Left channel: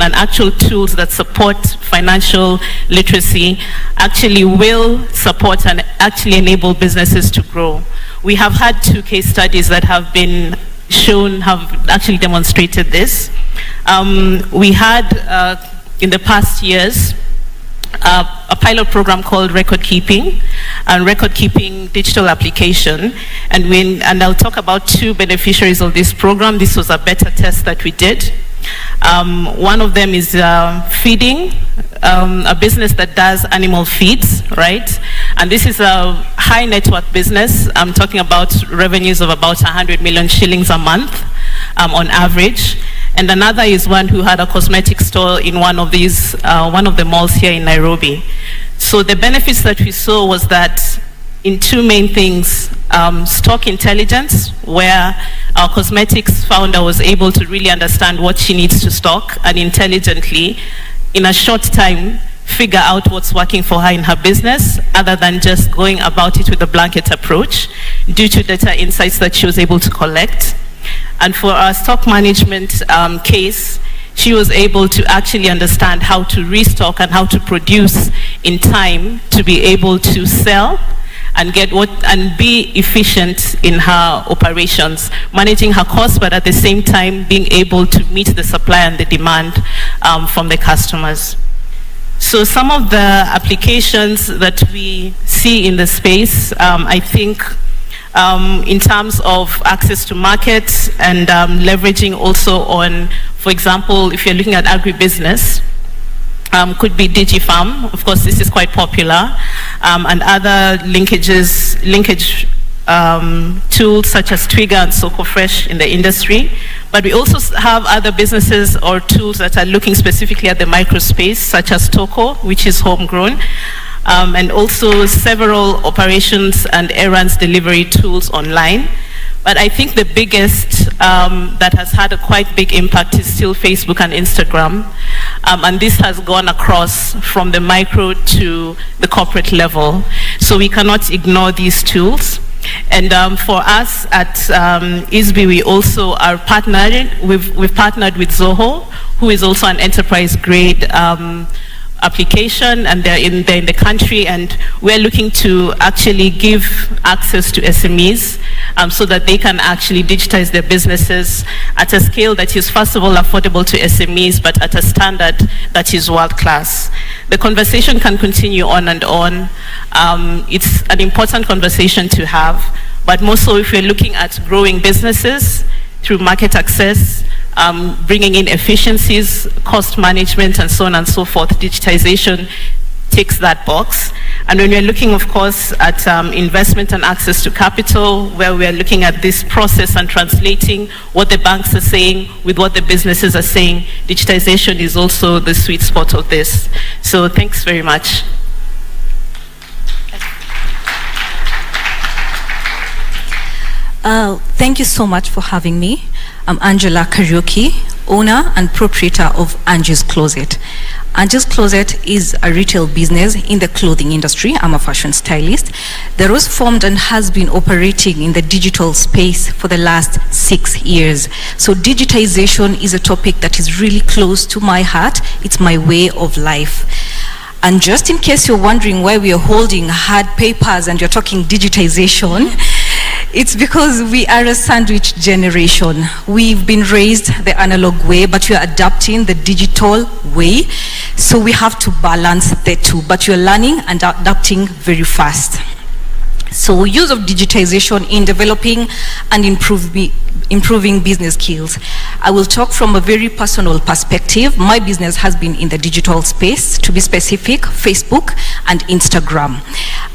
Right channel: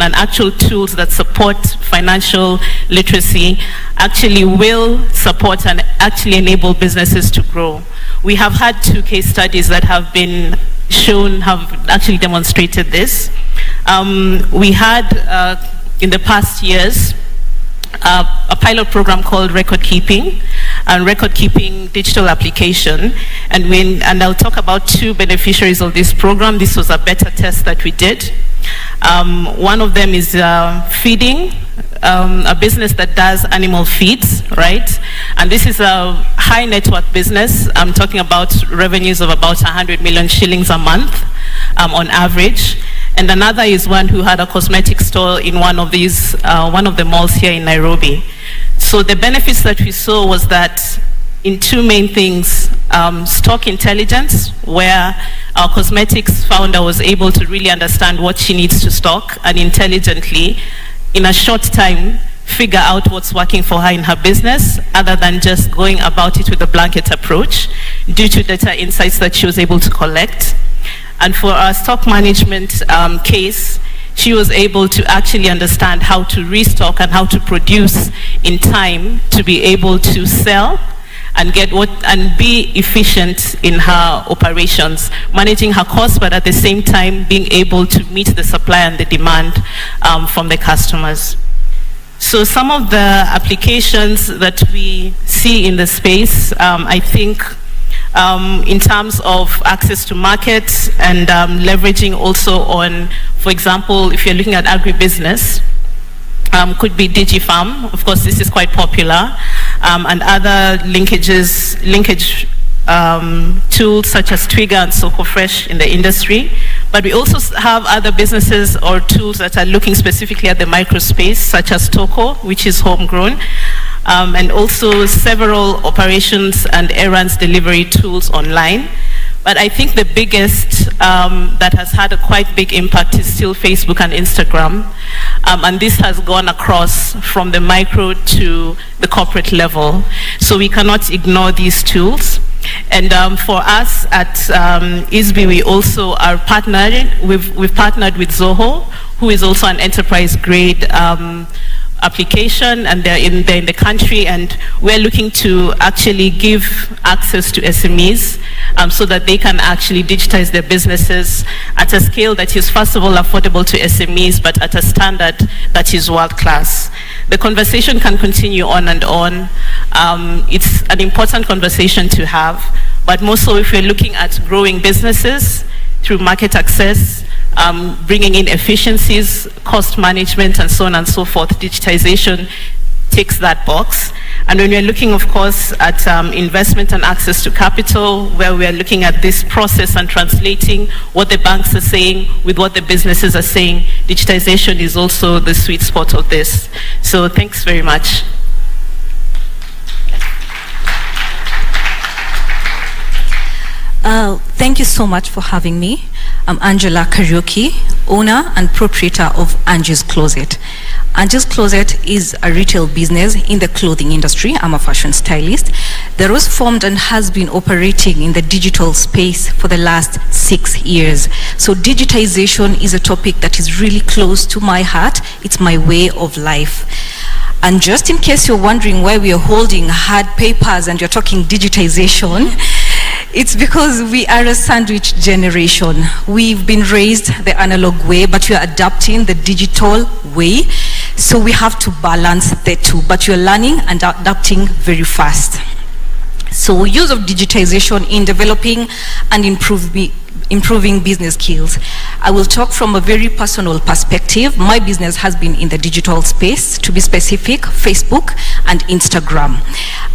and actual tools that support financial literacy actually will support and actually enable businesses to grow. We have had 2 case studies that have been shown, have actually demonstrated this. We had, in the past years, a pilot program called Record Keeping, and Record Keeping digital application. And I'll talk about 2 beneficiaries of this program. This was a beta test that we did. One of them is feeding, a business that does animal feeds, right? And this is a high net worth business. I'm talking about revenues of about 100 million shillings a month on average. And another is one who had a cosmetic store in one of the malls here in Nairobi. So the benefits that we saw was that in 2 main things, stock intelligence, where our cosmetics founder was able to really understand what she needs to stock and intelligently, in a short time, figure out what's working for her in her business, other than just going about it with a blanket approach, due to data insights that she was able to collect. And for our stock management case, she was able to actually understand how to restock and how to produce in time to be able to sell and be efficient in her operations, managing her costs, but at the same time being able to meet the supply and the demand from the customers. So some of the applications that we see in the space, I think, in terms of access to market and leveraging also on, for example, if you're looking at agribusiness, could be DigiFarm. Of course, this is quite popular, and other linkage tools such as Trigger and Soko Fresh in the industry. But we also have other businesses or tools that are looking specifically at the micro space, such as Toko, which is homegrown, and also several operations and errands delivery tools online. But I think the biggest that has had a quite big impact is still Facebook and Instagram. And this has gone across from the micro to the corporate level. So we cannot ignore these tools. And for us at ISBI, we also are partnering. We've partnered with Zoho, who is also an enterprise grade application, and they're in the country, and we're looking to actually give access to SMEs so that they can actually digitize their businesses at a scale that is, first of all, affordable to SMEs, but at a standard that is world-class. The conversation can continue on and on. It's an important conversation to have, but more so if we're looking at growing businesses through market access, bringing in efficiencies, cost management, and so on and so forth. Digitization ticks that box. And when we're looking, of course, at investment and access to capital, where we're looking at this process and translating what the banks are saying with what the businesses are saying, digitization is also the sweet spot of this. So thanks very much. Thank you so much for having me. I'm Angela Karaoke, owner and proprietor of Angie's Closet. Angie's Closet is a retail business in the clothing industry. I'm a fashion stylist that was formed and has been operating in the digital space for the last 6 years. So digitization is a topic that is really close to my heart. It's my way of life. And just in case you're wondering why we are holding hard papers and you're talking digitization, it's because we are a sandwich generation. We've been raised the analog way, but we are adapting the digital way. So we have to balance the two, but you're learning and adapting very fast. So use of digitization in developing and improving business skills. I will talk from a very personal perspective. My business has been in the digital space, to be specific, Facebook and Instagram.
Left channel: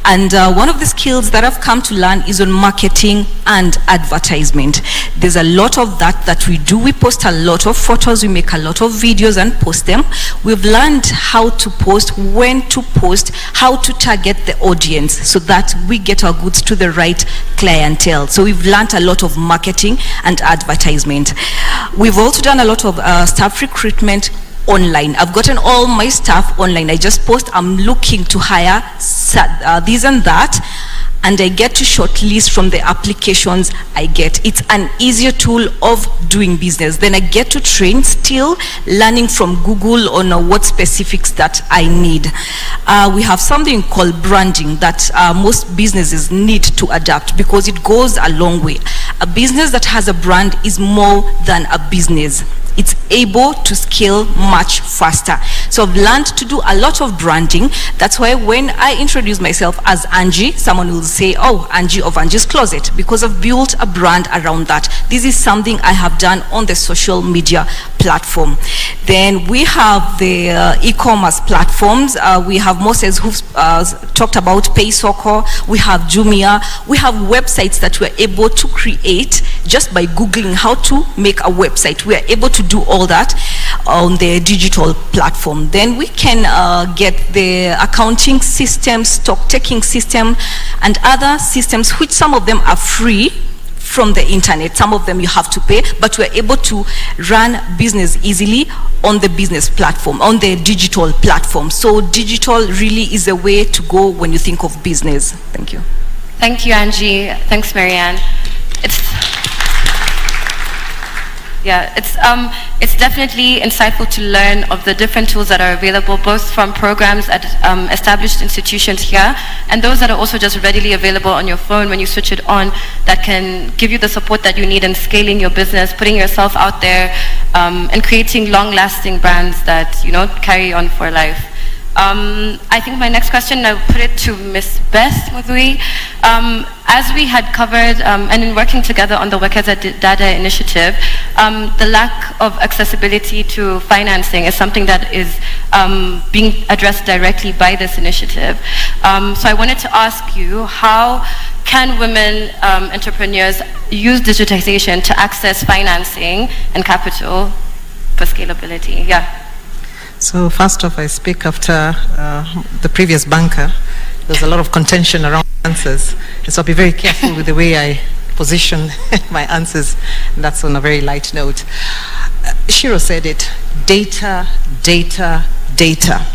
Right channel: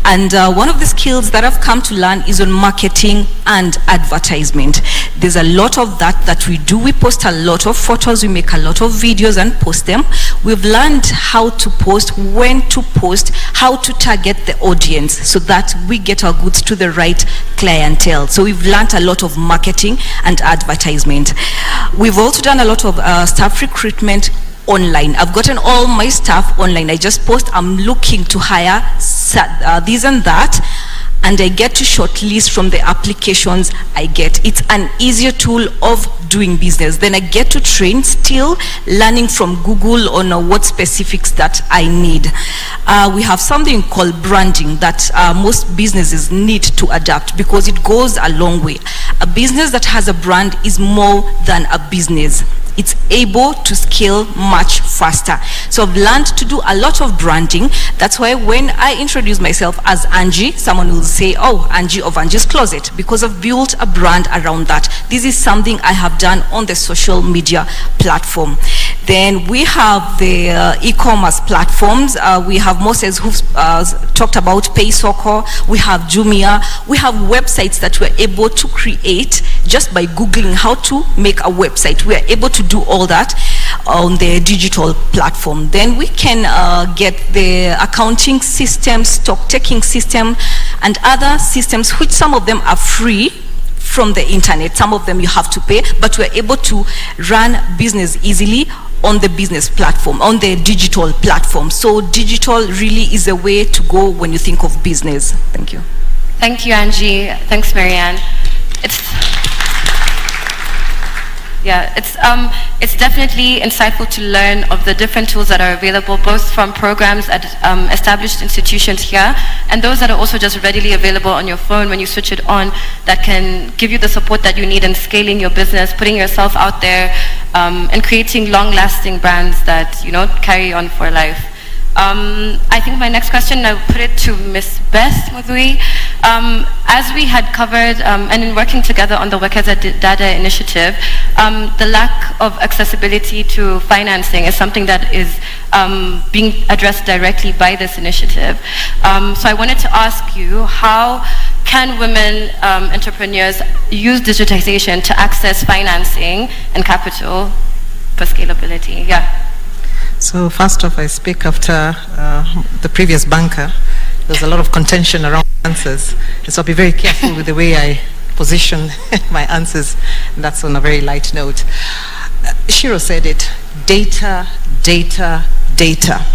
And one of the skills that I've come to learn is on marketing and advertisement. There's a lot of that we do. We post a lot of photos, we make a lot of videos and post them. We've learned how to post, when to post, how to target the audience so that we get our goods to the right clientele. So we've learned a lot of marketing and advertisement. We've also done a lot of staff recruitment online. I've gotten all my staff online. I just post, I'm looking to hire this and that, and I get to shortlist from the applications I get. It's an easier tool of doing business. Then I get to train, still learning from Google on what specifics that I need. We have something called branding that most businesses need to adapt because it goes a long way. A business that has a brand is more than a business. It's able to scale much faster. So I've learned to do a lot of branding. That's why when I introduce myself as Angie, someone will say, oh, Angie of Angie's Closet, because I've built a brand around that. This is something I have done on the social media platform. Then we have the e-commerce platforms. We have Moses who've talked about PaySoko. We have Jumia. We have websites that we're able to create just by Googling how to make a website. We are able to do all that on the digital platform. Then we can get the accounting system, stock taking system, and other systems, which some of them are free from the internet. Some of them you have to pay, but we're able to run business easily on the business platform, on the digital platform. So digital really is a way to go when you think of business. Thank you. Thank you, Angie. Thanks, Marianne. It's definitely insightful to learn of the different tools that are available, both from programs at established institutions here, and those that are also just readily available on your phone when you switch it on, that can give you the support that you need in scaling your business, putting yourself out there, and creating long-lasting brands that, you know, carry on for life. I think my next question, I'll put it to Ms. Beth Muthui. As we had covered, and in working together on the Wekeza Dada initiative, the lack of accessibility to financing is something that is being addressed directly by this initiative. So I wanted to ask you, how can women entrepreneurs use digitization to access financing and capital for scalability? Yeah. So first off, I speak after the previous banker. There's a lot of contention around answers, and so I'll be very careful with the way I position my answers, and that's on a very light note. Shiro said it, data, data, data.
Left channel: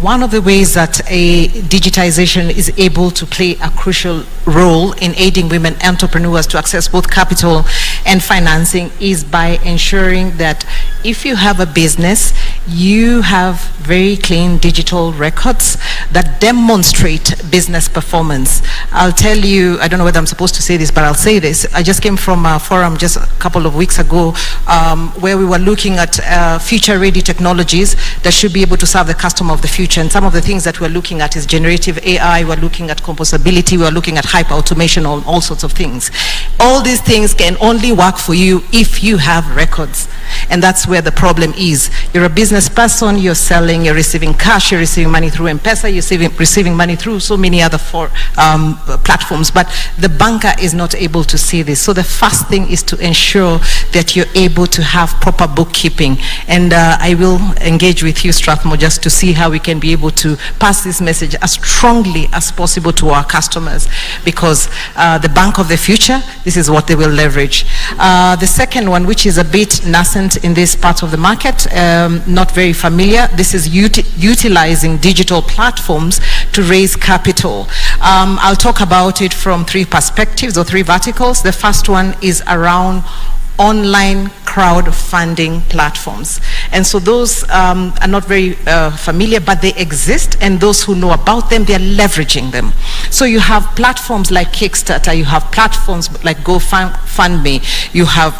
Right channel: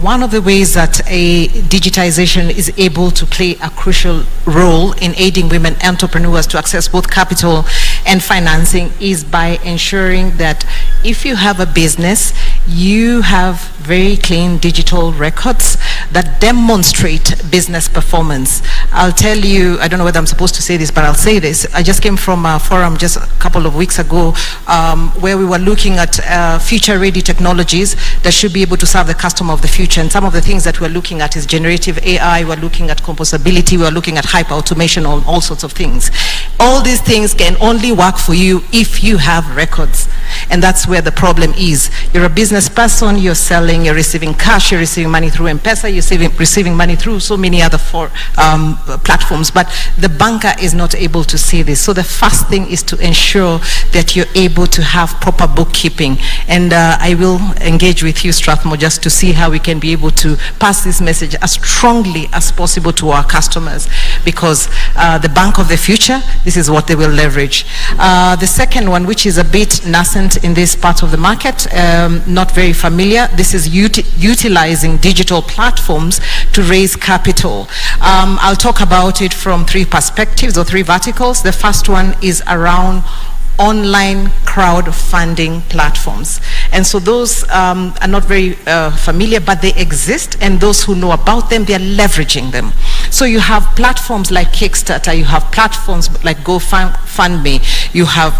One of the ways that a digitization is able to play a crucial role in aiding women entrepreneurs to access both capital and financing is by ensuring that if you have a business, you have very clean digital records that demonstrate business performance. I'll tell you, I don't know whether I'm supposed to say this, but I'll say this. I just came from a forum just a couple of weeks ago where we were looking at future-ready technologies that should be able to serve the customer of the future. And some of the things that we're looking at is generative AI, we're looking at composability, we're looking at hyper-automation, all sorts of things. All these things can only work for you if you have records. And that's where the problem is. You're a business person, you're selling, you're receiving cash, you're receiving money through M-Pesa, you're receiving money through so many other platforms, but the banker is not able to see this. So the first thing is to ensure that you're able to have proper bookkeeping. And I will engage with you, Strathmore, just to see how we can be able to pass this message as strongly as possible to our customers, because the bank of the future, this is what they will leverage. The second one, which is a bit nascent in this part of the market, not very familiar, this is utilizing digital platforms to raise capital. I'll talk about it from three perspectives or three verticals. The first one is around online crowdfunding platforms. And so those are not very familiar, but they exist, and those who know about them, they're leveraging them. So you have platforms like Kickstarter, you have platforms like GoFundMe, you have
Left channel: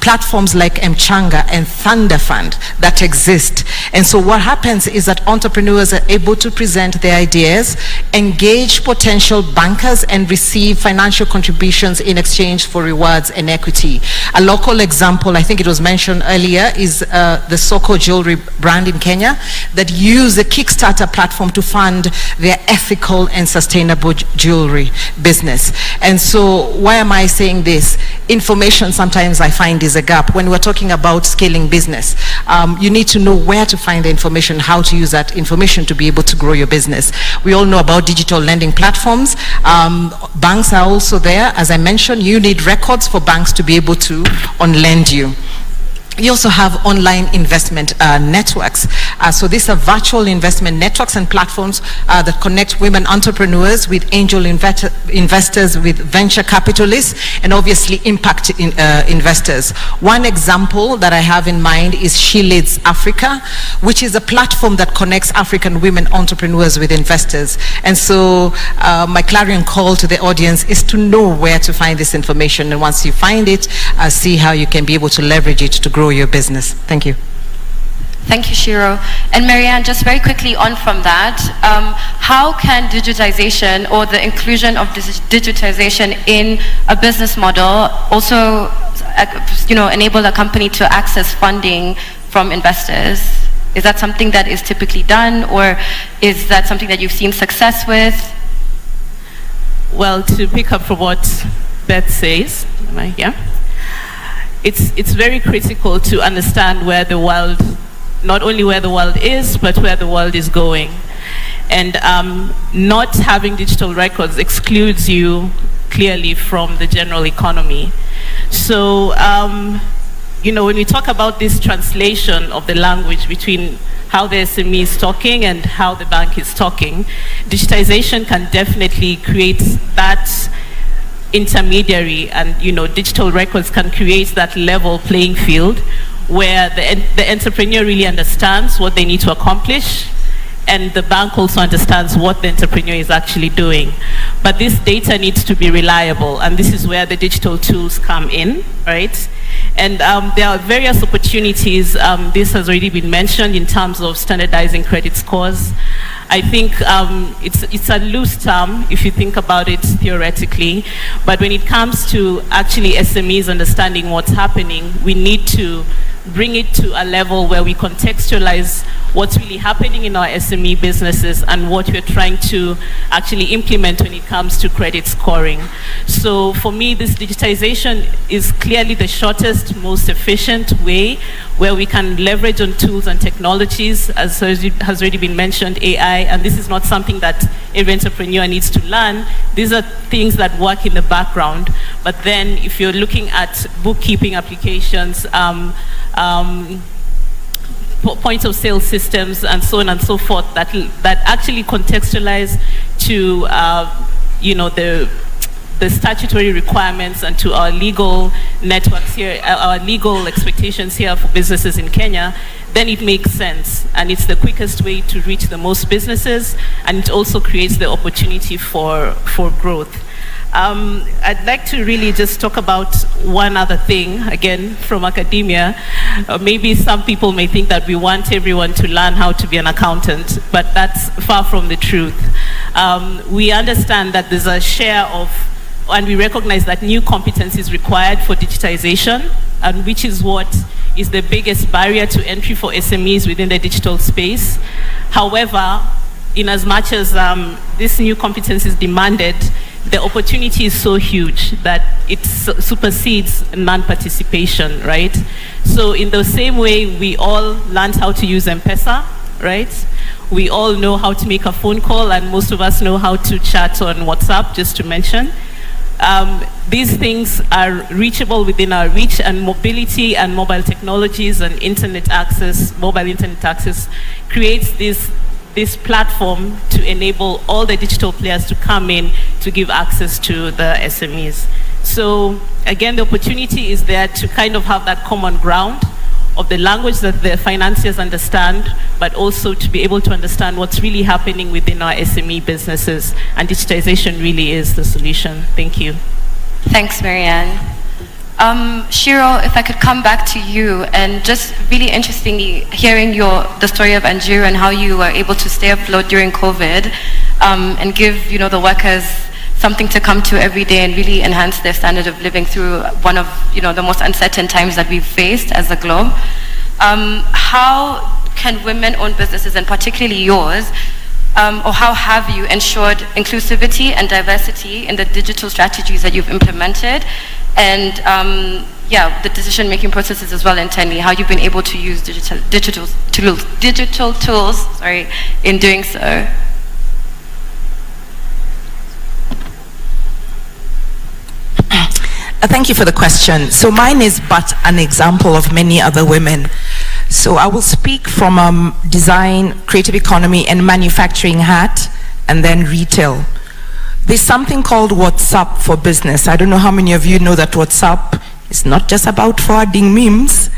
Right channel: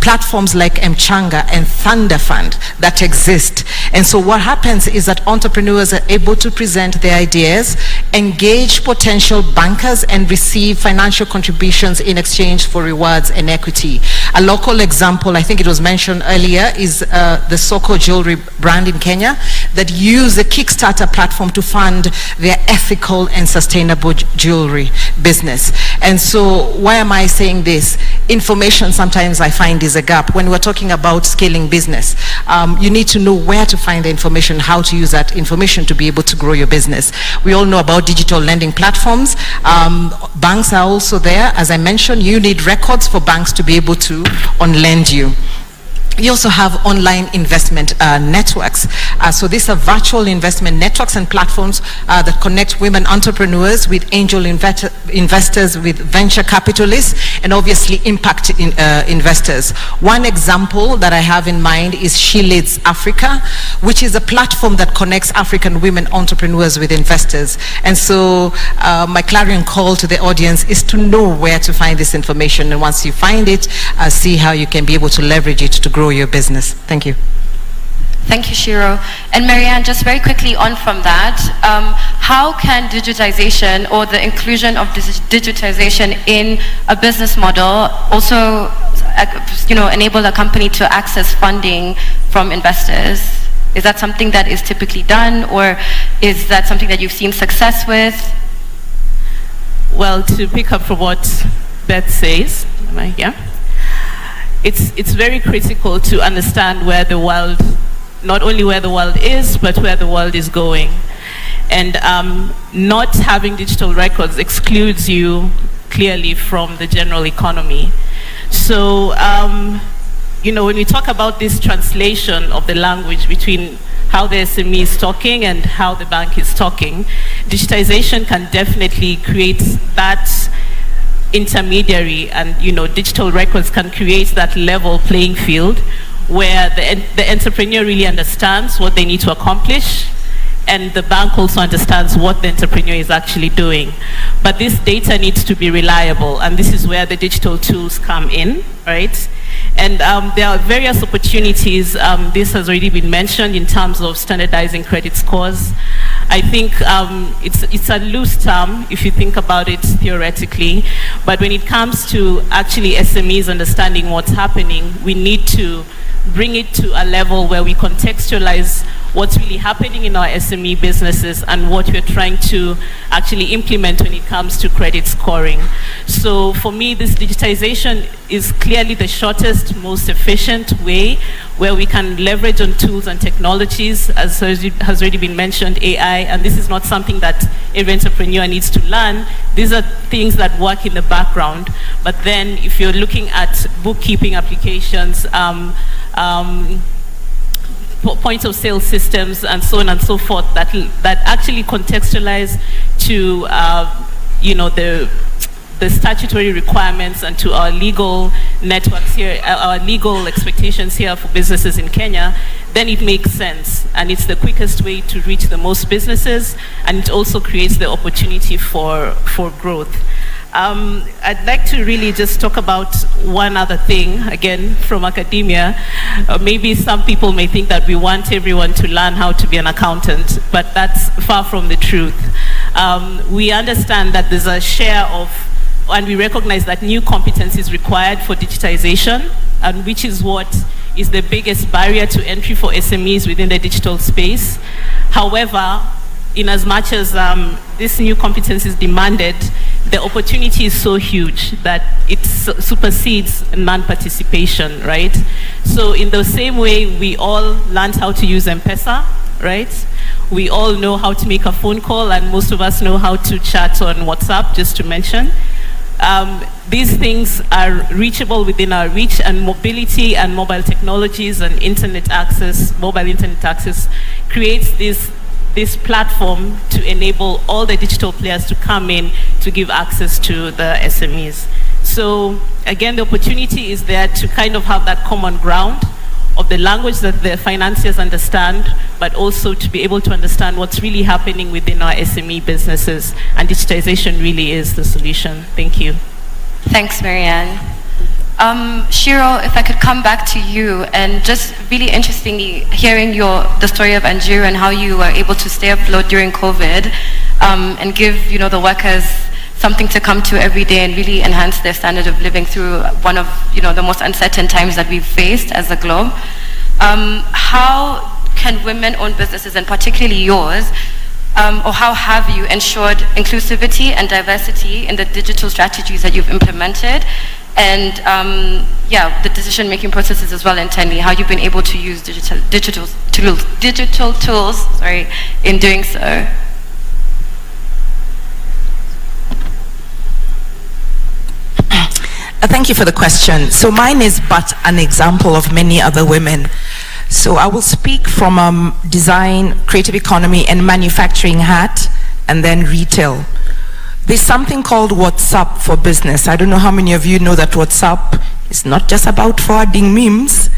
platforms like Mchanga and Thunder Fund that exist. And so what happens is that entrepreneurs are able to present their ideas, engage potential bankers, and receive financial contributions in exchange for rewards and equity. A local example, I think it was mentioned earlier, is the Soko jewelry brand in Kenya that use the Kickstarter platform to fund their ethical and sustainable jewelry business. And so why am I saying this? Information sometimes I find is a gap. When we're talking about scaling business, you need to know where to find the information, how to use that information to be able to grow your business. We all know about digital lending platforms. Banks are also there. As I mentioned, you need records for banks to be able to on lend you. You also have online investment networks. So these are virtual investment networks and platforms that connect women entrepreneurs with angel investors, with venture capitalists, and obviously impact investors. One example that I have in mind is She Leads Africa, which is a platform that connects African women entrepreneurs with investors. And so my clarion call to the audience is to know where to find this information. And once you find it, see how you can be able to leverage it to grow your business. Thank you. Thank you, Shiro. And Marianne, just very quickly on from that, how can digitization or the inclusion of digitization in a business model also, enable a company to access funding from investors? Is that something that is typically done, or is that something that you've seen success with? Well, to pick up from what Beth says, am I here? It's very critical to understand where the world, not only where the world is, but where the world is going. And not having digital records excludes you clearly from the general economy. So, when we talk about this translation of the language between how the SME is talking and how the bank is talking, digitization can definitely create that intermediary, and digital records can create that level playing field where the entrepreneur really understands what they need to accomplish, and the bank also understands what the entrepreneur is actually doing. But this data needs to be reliable, and this is where the digital tools come in, right? And there are various opportunities. This has already been mentioned in terms of standardizing credit scores. I think it's a loose term if you think about it theoretically, but when it comes to actually SMEs understanding what's happening, we need to bring it to a level where we contextualize what's really happening in our SME businesses and what we're trying to actually implement when it comes to credit scoring. So for me, this digitization is clearly the shortest, most efficient way where we can leverage on tools and technologies, as has already been mentioned, AI, and this is not something that every entrepreneur needs to learn. These are things that work in the background. But then if you're looking at bookkeeping applications, point of sale systems, and so on and so forth, that actually contextualize to the statutory requirements and to our legal networks here, our legal expectations here for businesses in Kenya, then it makes sense, and it's the quickest way to reach the most businesses, and it also creates the opportunity for growth. I'd like to really just talk about one other thing, again, from academia. Maybe some people may think that we want everyone to learn how to be an accountant, but that's far from the truth. We understand that there's a share of, and we recognize that new competence is required for digitization, and which is what is the biggest barrier to entry for SMEs within the digital space. However, in as much as this new competence is demanded, the opportunity is so huge that it supersedes non-participation, right? So in the same way we all learned how to use M-Pesa, right? We all know how to make a phone call, and most of us know how to chat on WhatsApp, just to mention. These things are reachable within our reach, and mobility and mobile technologies and internet access, mobile internet access, creates this platform to enable all the digital players to come in to give access to the SMEs. So again, the opportunity is there to kind of have that common ground of the language that the financiers understand, but also to be able to understand what's really happening within our SME businesses, and digitization really is the solution. Thank you. Thanks, Marianne. Shiro, if I could come back to you, and just really interestingly hearing the story of Anjiru and how you were able to stay afloat during COVID, and give the workers something to come to every day and really enhance their standard of living through one of the most uncertain times that we've faced as a globe. How can women-owned businesses, and particularly yours, or how have you ensured inclusivity and diversity in the digital strategies that you've implemented, and the decision-making processes as well internally, how you've been able to use digital tools in doing so? Thank you for the question. So mine is but an example of many other women. So I will speak from design, creative economy, and manufacturing hat, and then retail. There's something called WhatsApp for business. I don't know how many of you know that WhatsApp is not just about forwarding memes,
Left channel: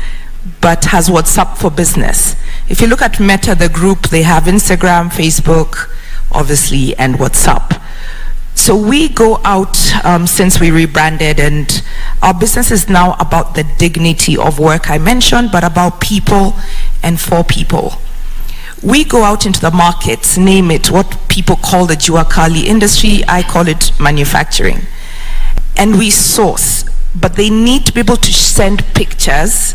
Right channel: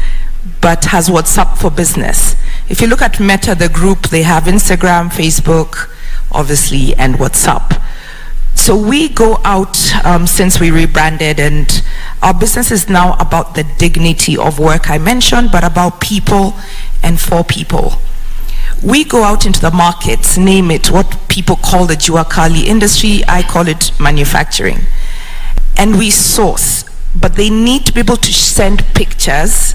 but has WhatsApp for business. If you look at Meta, the group, they have Instagram, Facebook, obviously, and WhatsApp. So we go out since we rebranded, and our business is now about the dignity of work I mentioned, but about people and for people. We go out into the markets, name it, what people call the Juakali industry, I call it manufacturing. And we source, but they need to be able to send pictures.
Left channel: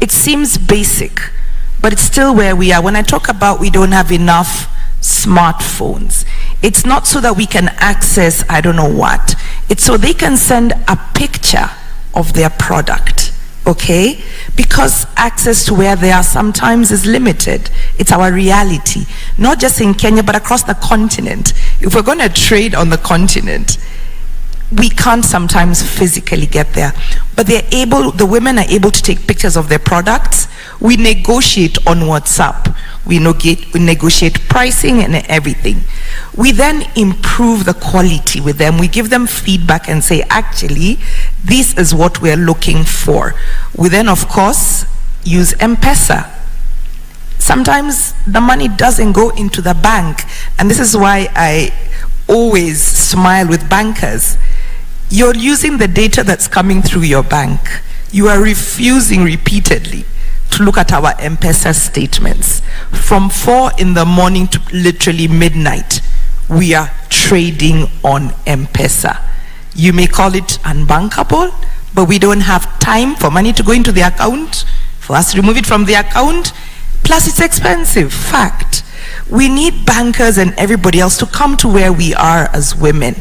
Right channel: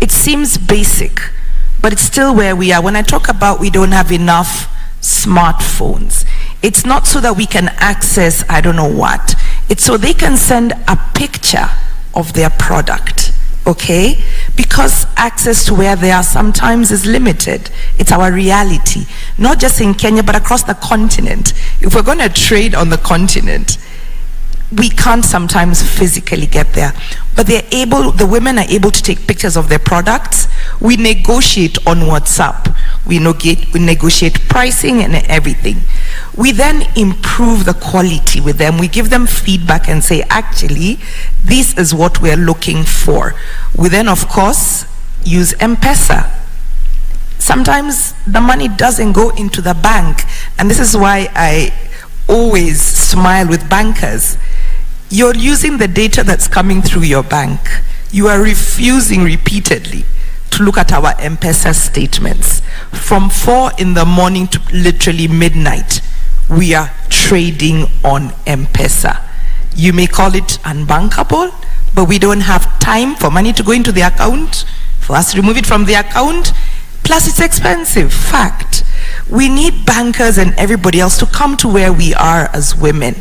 It seems basic, but it's still where we are. When I talk about we don't have enough smartphones, it's not so that we can access I don't know what. It's so they can send a picture of their product. Okay? Because access to where they are sometimes is limited. It's our reality. Not just in Kenya, but across the continent. If we're going to trade on the continent, we can't sometimes physically get there. But the women are able to take pictures of their products. We negotiate on WhatsApp. We negotiate pricing and everything. We then improve the quality with them. We give them feedback and say, actually, this is what we're looking for. We then, of course, use M-Pesa. Sometimes the money doesn't go into the bank. And this is why I always smile with bankers. You're using the data that's coming through your bank. You are refusing repeatedly to look at our M-Pesa statements. From 4 in the morning to literally midnight, we are trading on M-Pesa. You may call it unbankable, but we don't have time for money to go into the account, for us to remove it from the account. Plus it's expensive, fact. We need bankers and everybody else to come to where we are as women.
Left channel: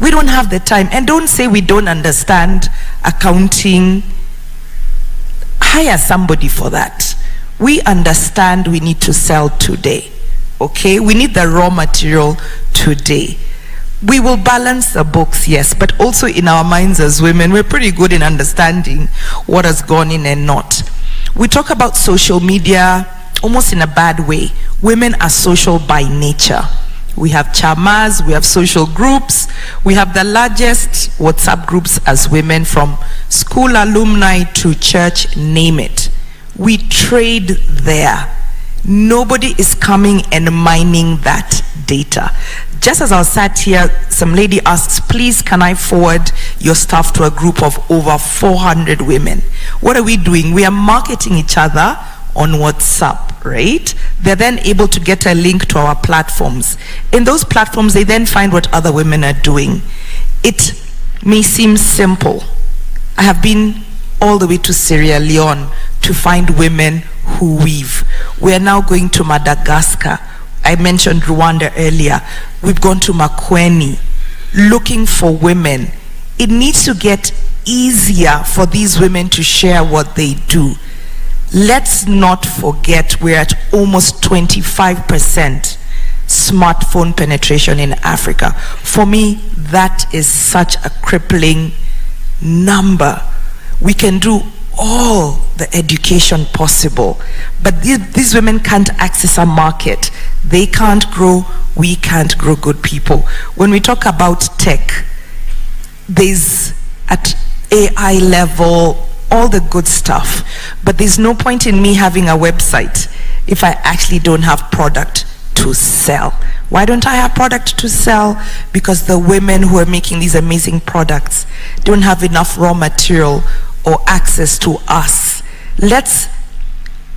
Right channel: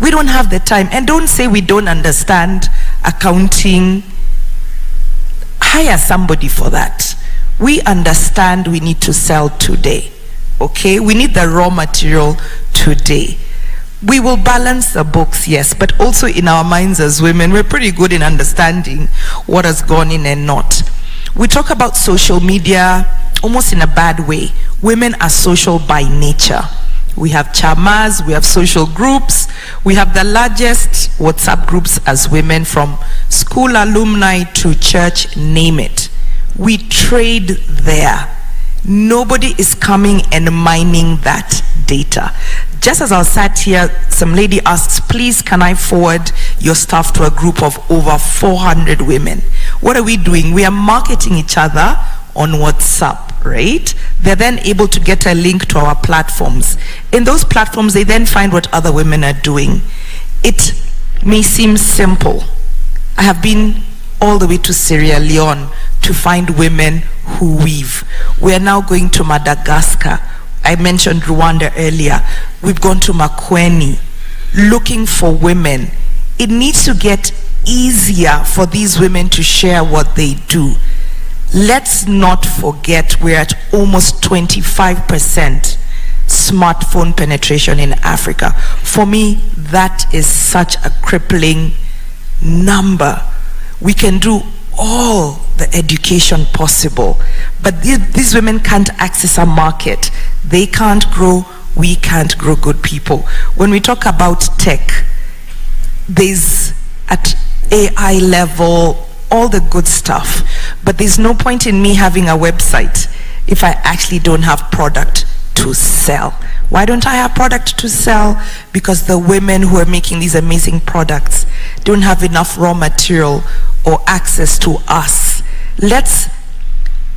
We don't have the time. And don't say we don't understand accounting. Hire somebody for that. We understand we need to sell today. Okay? We need the raw material today. We will balance the books, yes, but also in our minds as women, we're pretty good in understanding what has gone in and not. We talk about social media almost in a bad way. Women are social by nature. We have chamas, we have social groups, we have the largest WhatsApp groups as women, from school alumni to church, name it. We trade there. Nobody is coming and mining that data. Just as I sat here, some lady asks, please can I forward your stuff to a group of over 400 women? What are we doing? We are marketing each other on WhatsApp, right? They're then able to get a link to our platforms. In those platforms, they then find what other women are doing. It may seem simple. I have been all the way to Sierra Leone to find women who weave. We are now going to Madagascar. I mentioned Rwanda earlier. We've gone to makwiny, looking for women. It needs to get easier for these women to share what they do. Let's not forget we're at almost 25% smartphone penetration in Africa. For me, that is such a crippling number. We can do all the education possible, but these women can't access a market. They can't grow, we can't grow good people. When we talk about tech, there's at AI level all the good stuff, but there's no point in me having a website if I actually don't have product to sell. Why don't I have product to sell? Because the women who are making these amazing products don't have enough raw material or access to us. Let's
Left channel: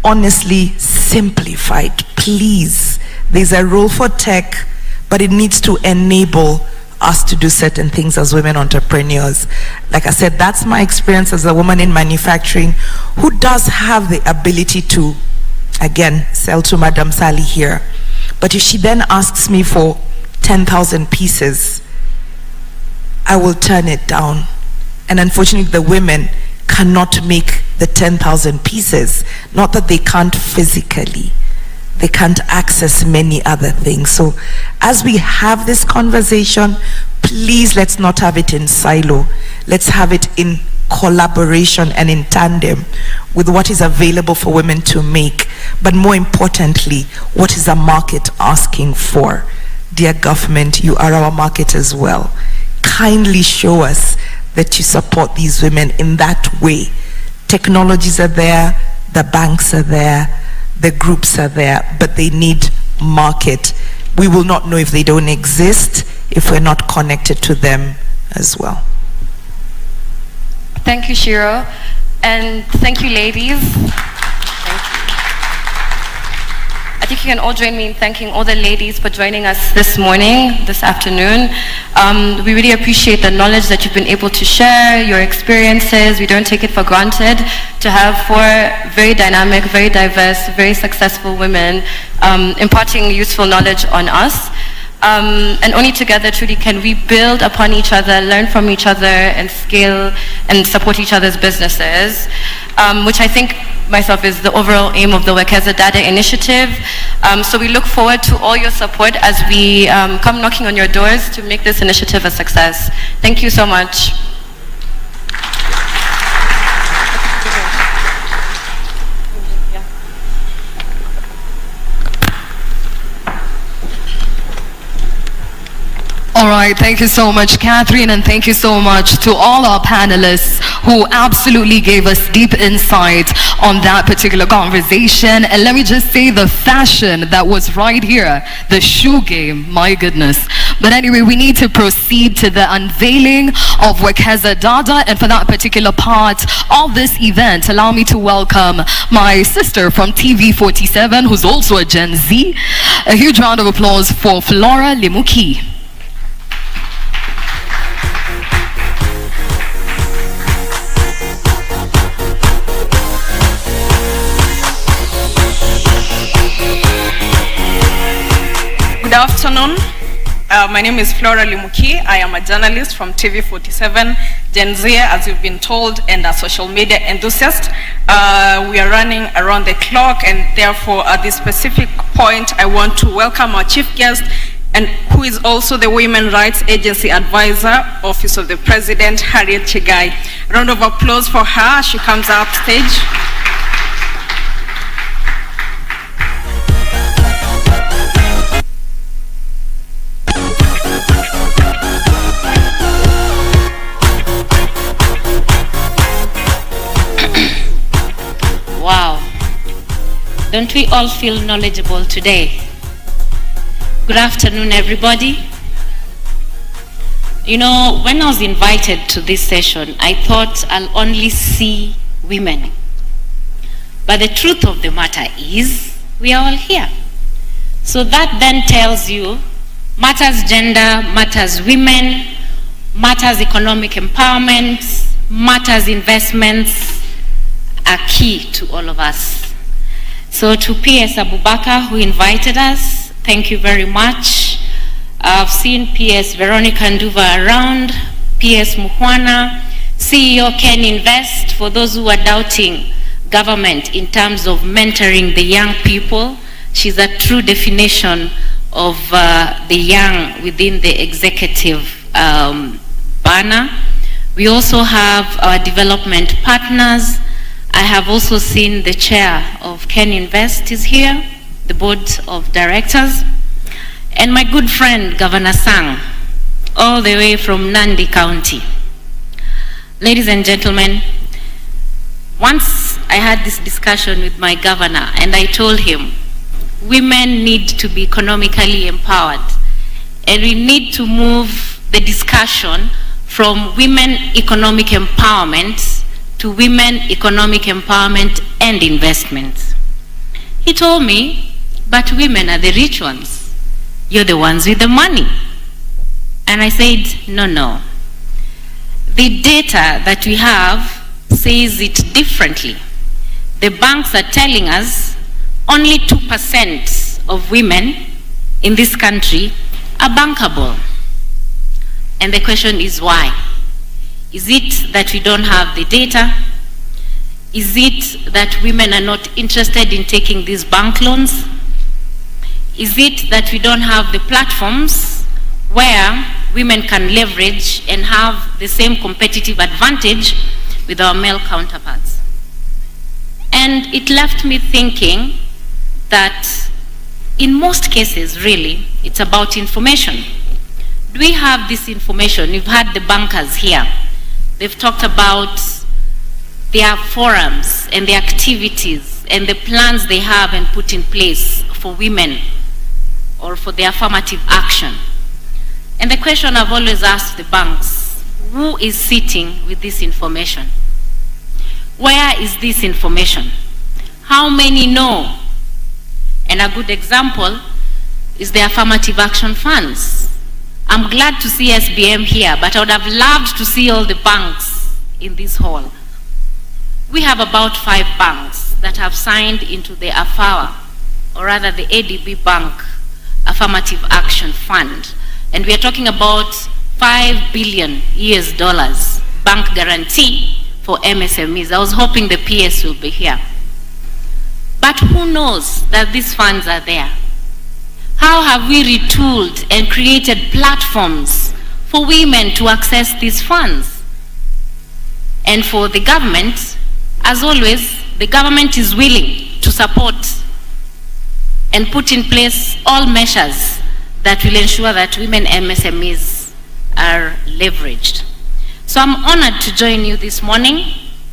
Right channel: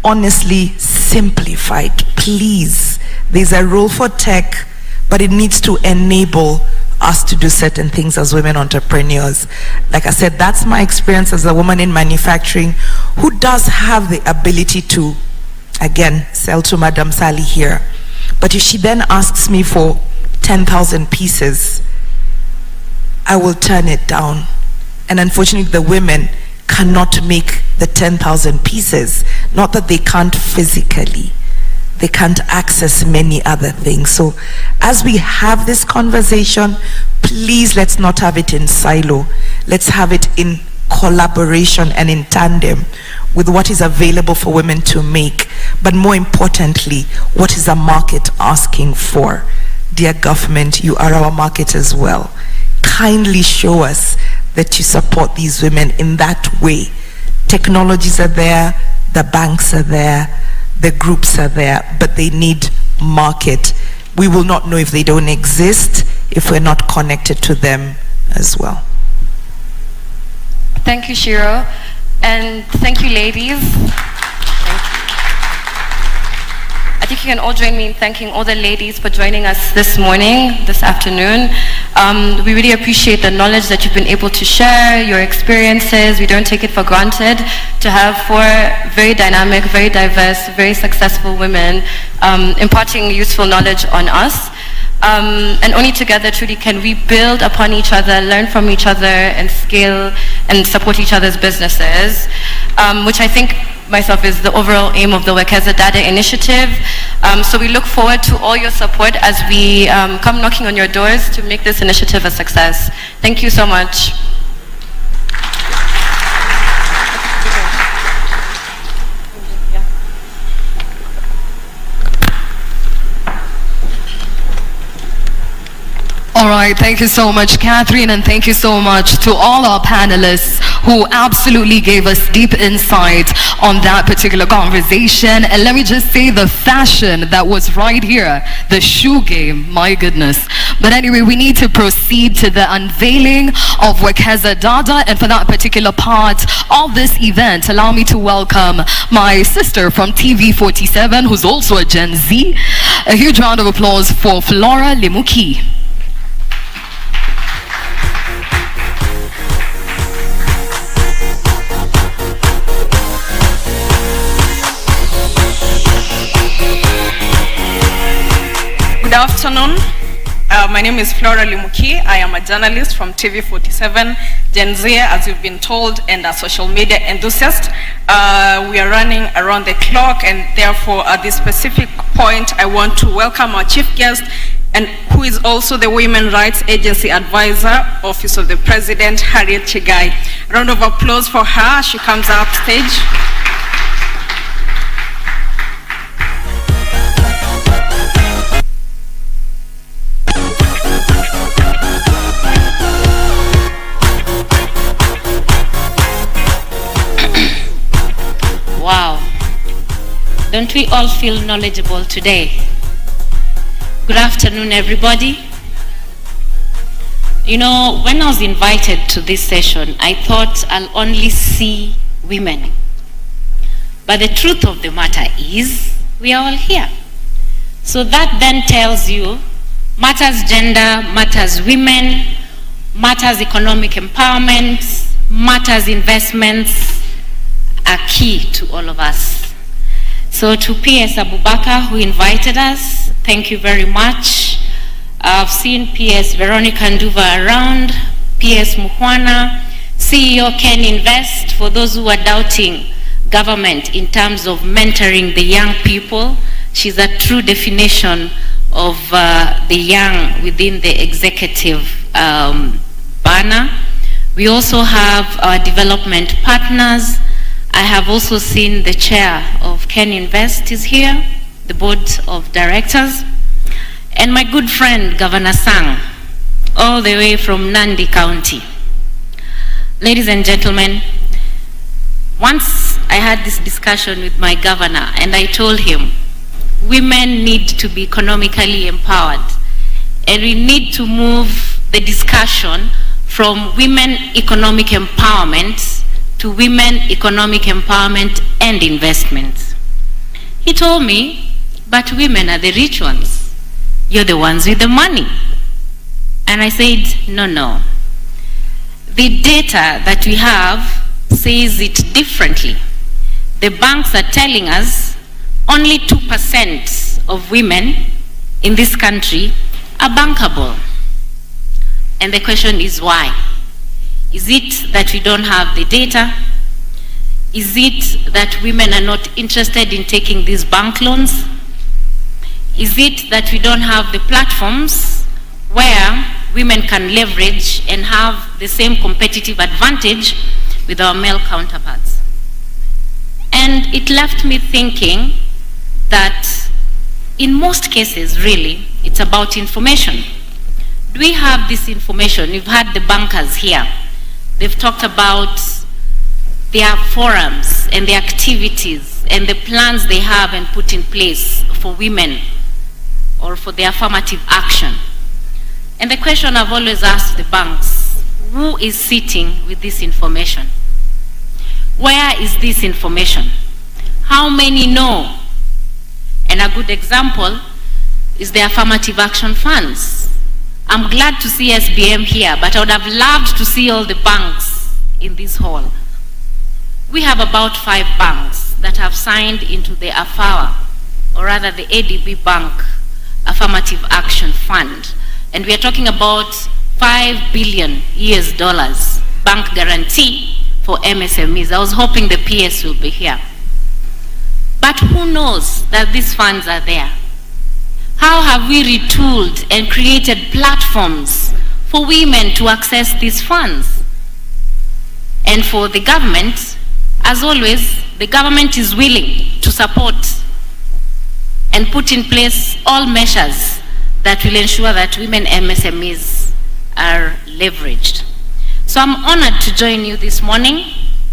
honestly simplify it, please. There's a role for tech, but it needs to enable us to do certain things as women entrepreneurs. Like I said, that's my experience as a woman in manufacturing who does have the ability to, again, sell to Madam Sally here. But if she then asks me for 10,000 pieces, I will turn it down. And unfortunately, the women cannot make the 10,000 pieces. Not that they can't physically. They can't access many other things. So as we have this conversation, please let's not have it in silo. Let's have it in collaboration and in tandem with what is available for women to make, but more importantly, what is the market asking for? Dear government, you are our market as well. Kindly show us that you support these women in that way. Technologies are there, the banks are there, the groups are there, but they need market. We will not know if they don't exist if we're not connected to them as well. Thank you, Shiro. And thank you, ladies. Thank you. I think you can all join me in thanking all the ladies for joining us this morning, this afternoon. We really appreciate the knowledge that you've been able to share, your experiences. We don't take it for granted to have 4 very dynamic, very diverse, very successful women imparting useful knowledge on us. And only together truly can we build upon each other, learn from each other, and scale and support each other's businesses, which I think myself is the overall aim of the Wekeza Dada initiative. So we look forward to all your support as we come knocking on your doors to make this initiative a success. Thank you so much. All right, thank you so much, Catherine, and thank you so much to all our panelists who absolutely gave us deep insight on that particular conversation. And let me just say the fashion that was right here, the shoe game, my goodness. But anyway, we need to proceed to the unveiling of Wekeza Dada, and for that particular part of this event, allow me to welcome my sister from TV47, who's also a Gen Z. A huge round of applause for Flora Lemuki. Good afternoon. My name is Flora Limuki. I am a journalist from TV47, Gen Z, as you've been told, and a social media enthusiast. We are running around the clock, and therefore at this specific point, I want to welcome our chief guest, and who is also the Women Rights Agency Advisor, Office of the President, Harriet Chigai. A round of applause for her. She comes up stage. Wow, don't we all feel knowledgeable today? Good afternoon, everybody. You know, when I was invited to this session, I thought I'll only see women. But the truth of the matter is, we are all here. So that then tells you, matters gender, matters women, matters economic empowerment, matters investments, are key to all of us. So to PS Abubakar, who invited us, thank you very much. I've seen PS Veronica Nduva around, PS Muhwana, CEO Ken Invest, for those who are doubting government in terms of mentoring the young people. She's a true definition of the young within the executive banner. We also have our development partners. I have also seen the chair of Ken Invest is here, the board of directors, and my good friend, Governor Sang, all the way from Nandi County. Ladies and gentlemen, once I had this discussion with my governor, and I told him, women need to be economically empowered, and we need to move the discussion from women economic empowerment to women economic empowerment and investment. He told me, but women are the rich ones. You're the ones with the money. And I said, no. The data that we have says it differently. The banks are telling us only 2% of women in this country are bankable. And the question is why? Is it that we don't have the data? Is it that women are not interested in taking these bank loans? Is it that we don't have the platforms where women can leverage and have the same competitive advantage with our male counterparts. And it left me thinking that in most cases, really, it's about information. Do we have this information? You've had the bankers here. They've talked about their forums and the activities and the plans they have and put in place for women or for their affirmative action. And the question I've always asked the banks, who is sitting with this information? Where is this information? How many know? And a good example is the affirmative action funds. I'm glad to see SBM here, but I would have loved to see all the banks in this hall. We have about 5 banks that have signed into the AFAWA, or rather the ADB Bank Affirmative Action Fund. And we are talking about $5 billion bank guarantee for MSMEs. I was hoping the PS will be here. But who knows that these funds are there? How have we retooled and created platforms for women to access these funds? And for the government, as always, the government is willing to support and put in place all measures that will ensure that women MSMEs are leveraged. So I'm honored to join you this morning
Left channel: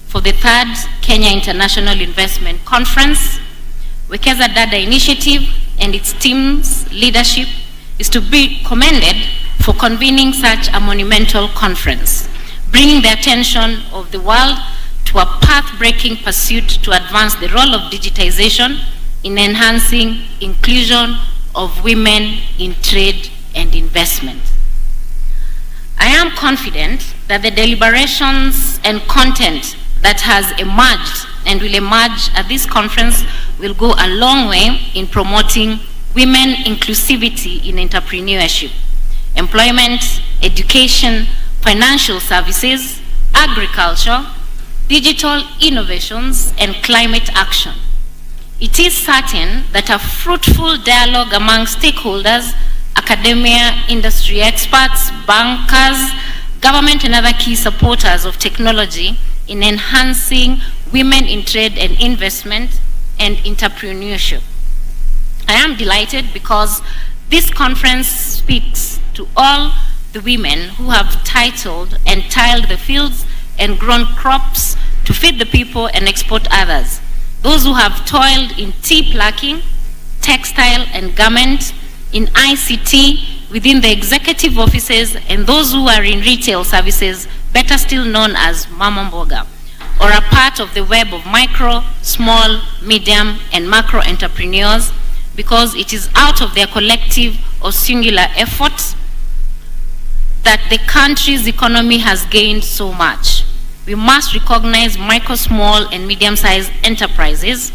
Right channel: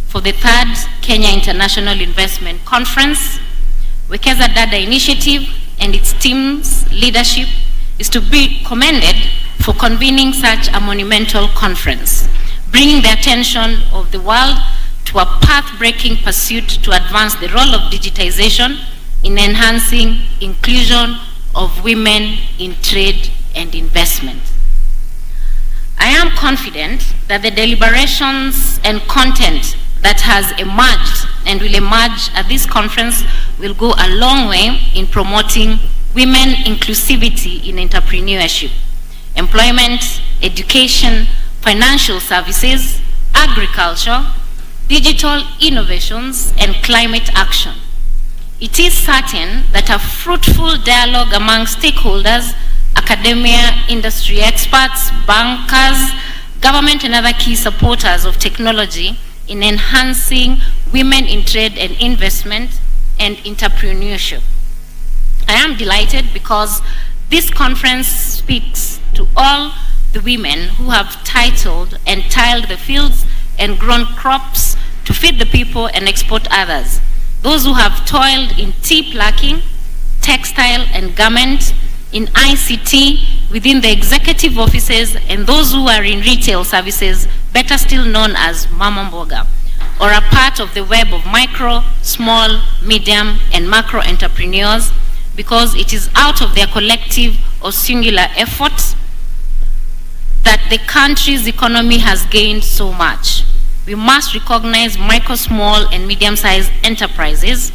for the 3rd Kenya International Investment Conference. Wekeza Dada initiative and its team's leadership is to be commended for convening such a monumental conference, bringing the attention of the world to a path-breaking pursuit to advance the role of digitization in enhancing inclusion of women in trade and investment. I am confident that the deliberations and content that has emerged and will emerge at this conference will go a long way in promoting women inclusivity in entrepreneurship, employment, education, financial services, agriculture, digital innovations, and climate action. It is certain that a fruitful dialogue among stakeholders, academia, industry experts, bankers, government, and other key supporters of technology in enhancing women in trade and investment and entrepreneurship. I am delighted because this conference speaks to all the women who have titled and tilled the fields and grown crops to feed the people and export others. Those who have toiled in tea plucking, textile and garment, in ICT, within the executive offices, and those who are in retail services, better still known as Mama Mboga, or are part of the web of micro, small, medium, and macro entrepreneurs, because it is out of their collective or singular efforts that the country's economy has gained so much. We must recognize micro, small, and medium-sized enterprises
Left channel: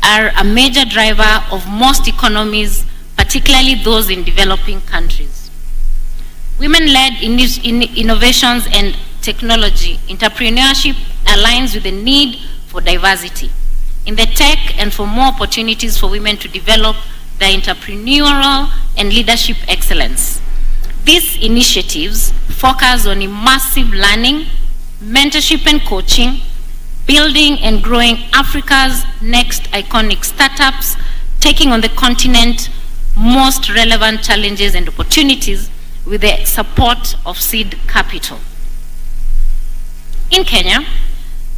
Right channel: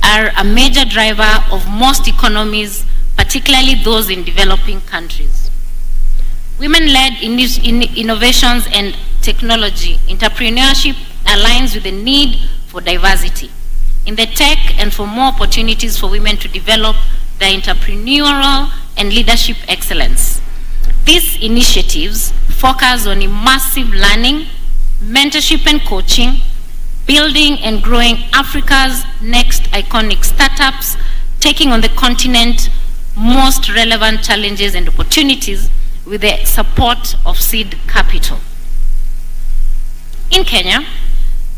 are a major driver of most economies, particularly those in developing countries. Women-led innovations and technology entrepreneurship aligns with the need for diversity in the tech and for more opportunities for women to develop their entrepreneurial and leadership excellence. These initiatives focus on immersive learning, mentorship and coaching, building and growing Africa's next iconic startups, taking on the continent's most relevant challenges and opportunities with the support of seed capital. In Kenya,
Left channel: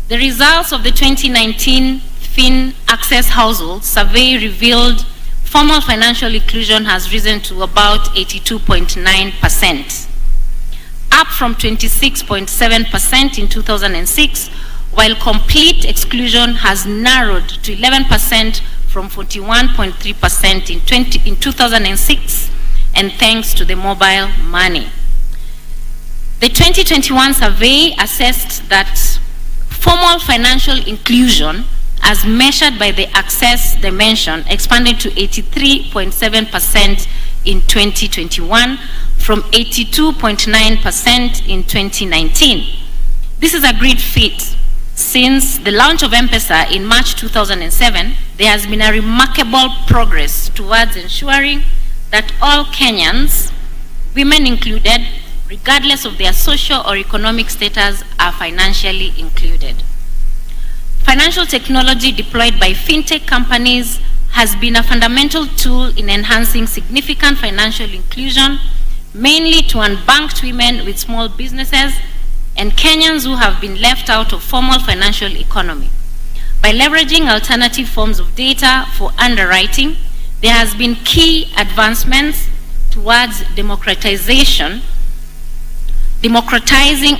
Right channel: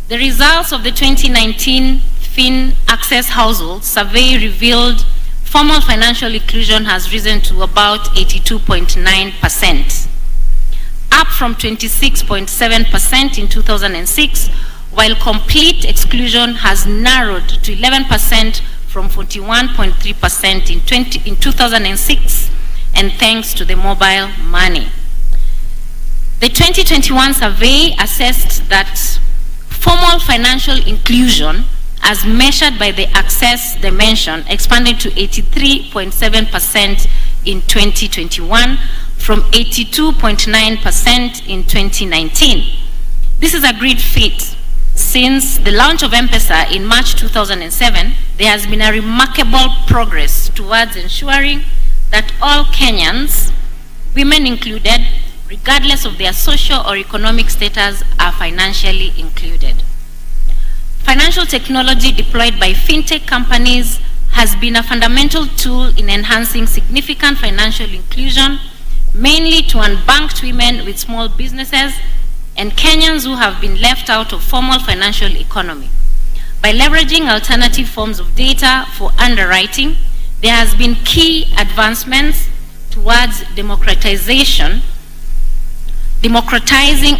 the results of the 2019 Fin Access Household Survey revealed formal financial inclusion has risen to about 82.9%, up from 26.7% in 2006, while complete exclusion has narrowed to 11% from 41.3% in 2006, and thanks to the mobile money. The 2021 survey assessed that formal financial inclusion, as measured by the access dimension, expanded to 83.7% in 2021 from 82.9% in 2019. This is a great feat. Since the launch of M-Pesa in March 2007, there has been a remarkable progress towards ensuring that all Kenyans, women included, regardless of their social or economic status, are financially included. Financial technology deployed by fintech companies has been a fundamental tool in enhancing significant financial inclusion, mainly to unbanked women with small businesses and Kenyans who have been left out of formal financial economy. By leveraging alternative forms of data for underwriting, there has been key advancements towards democratizing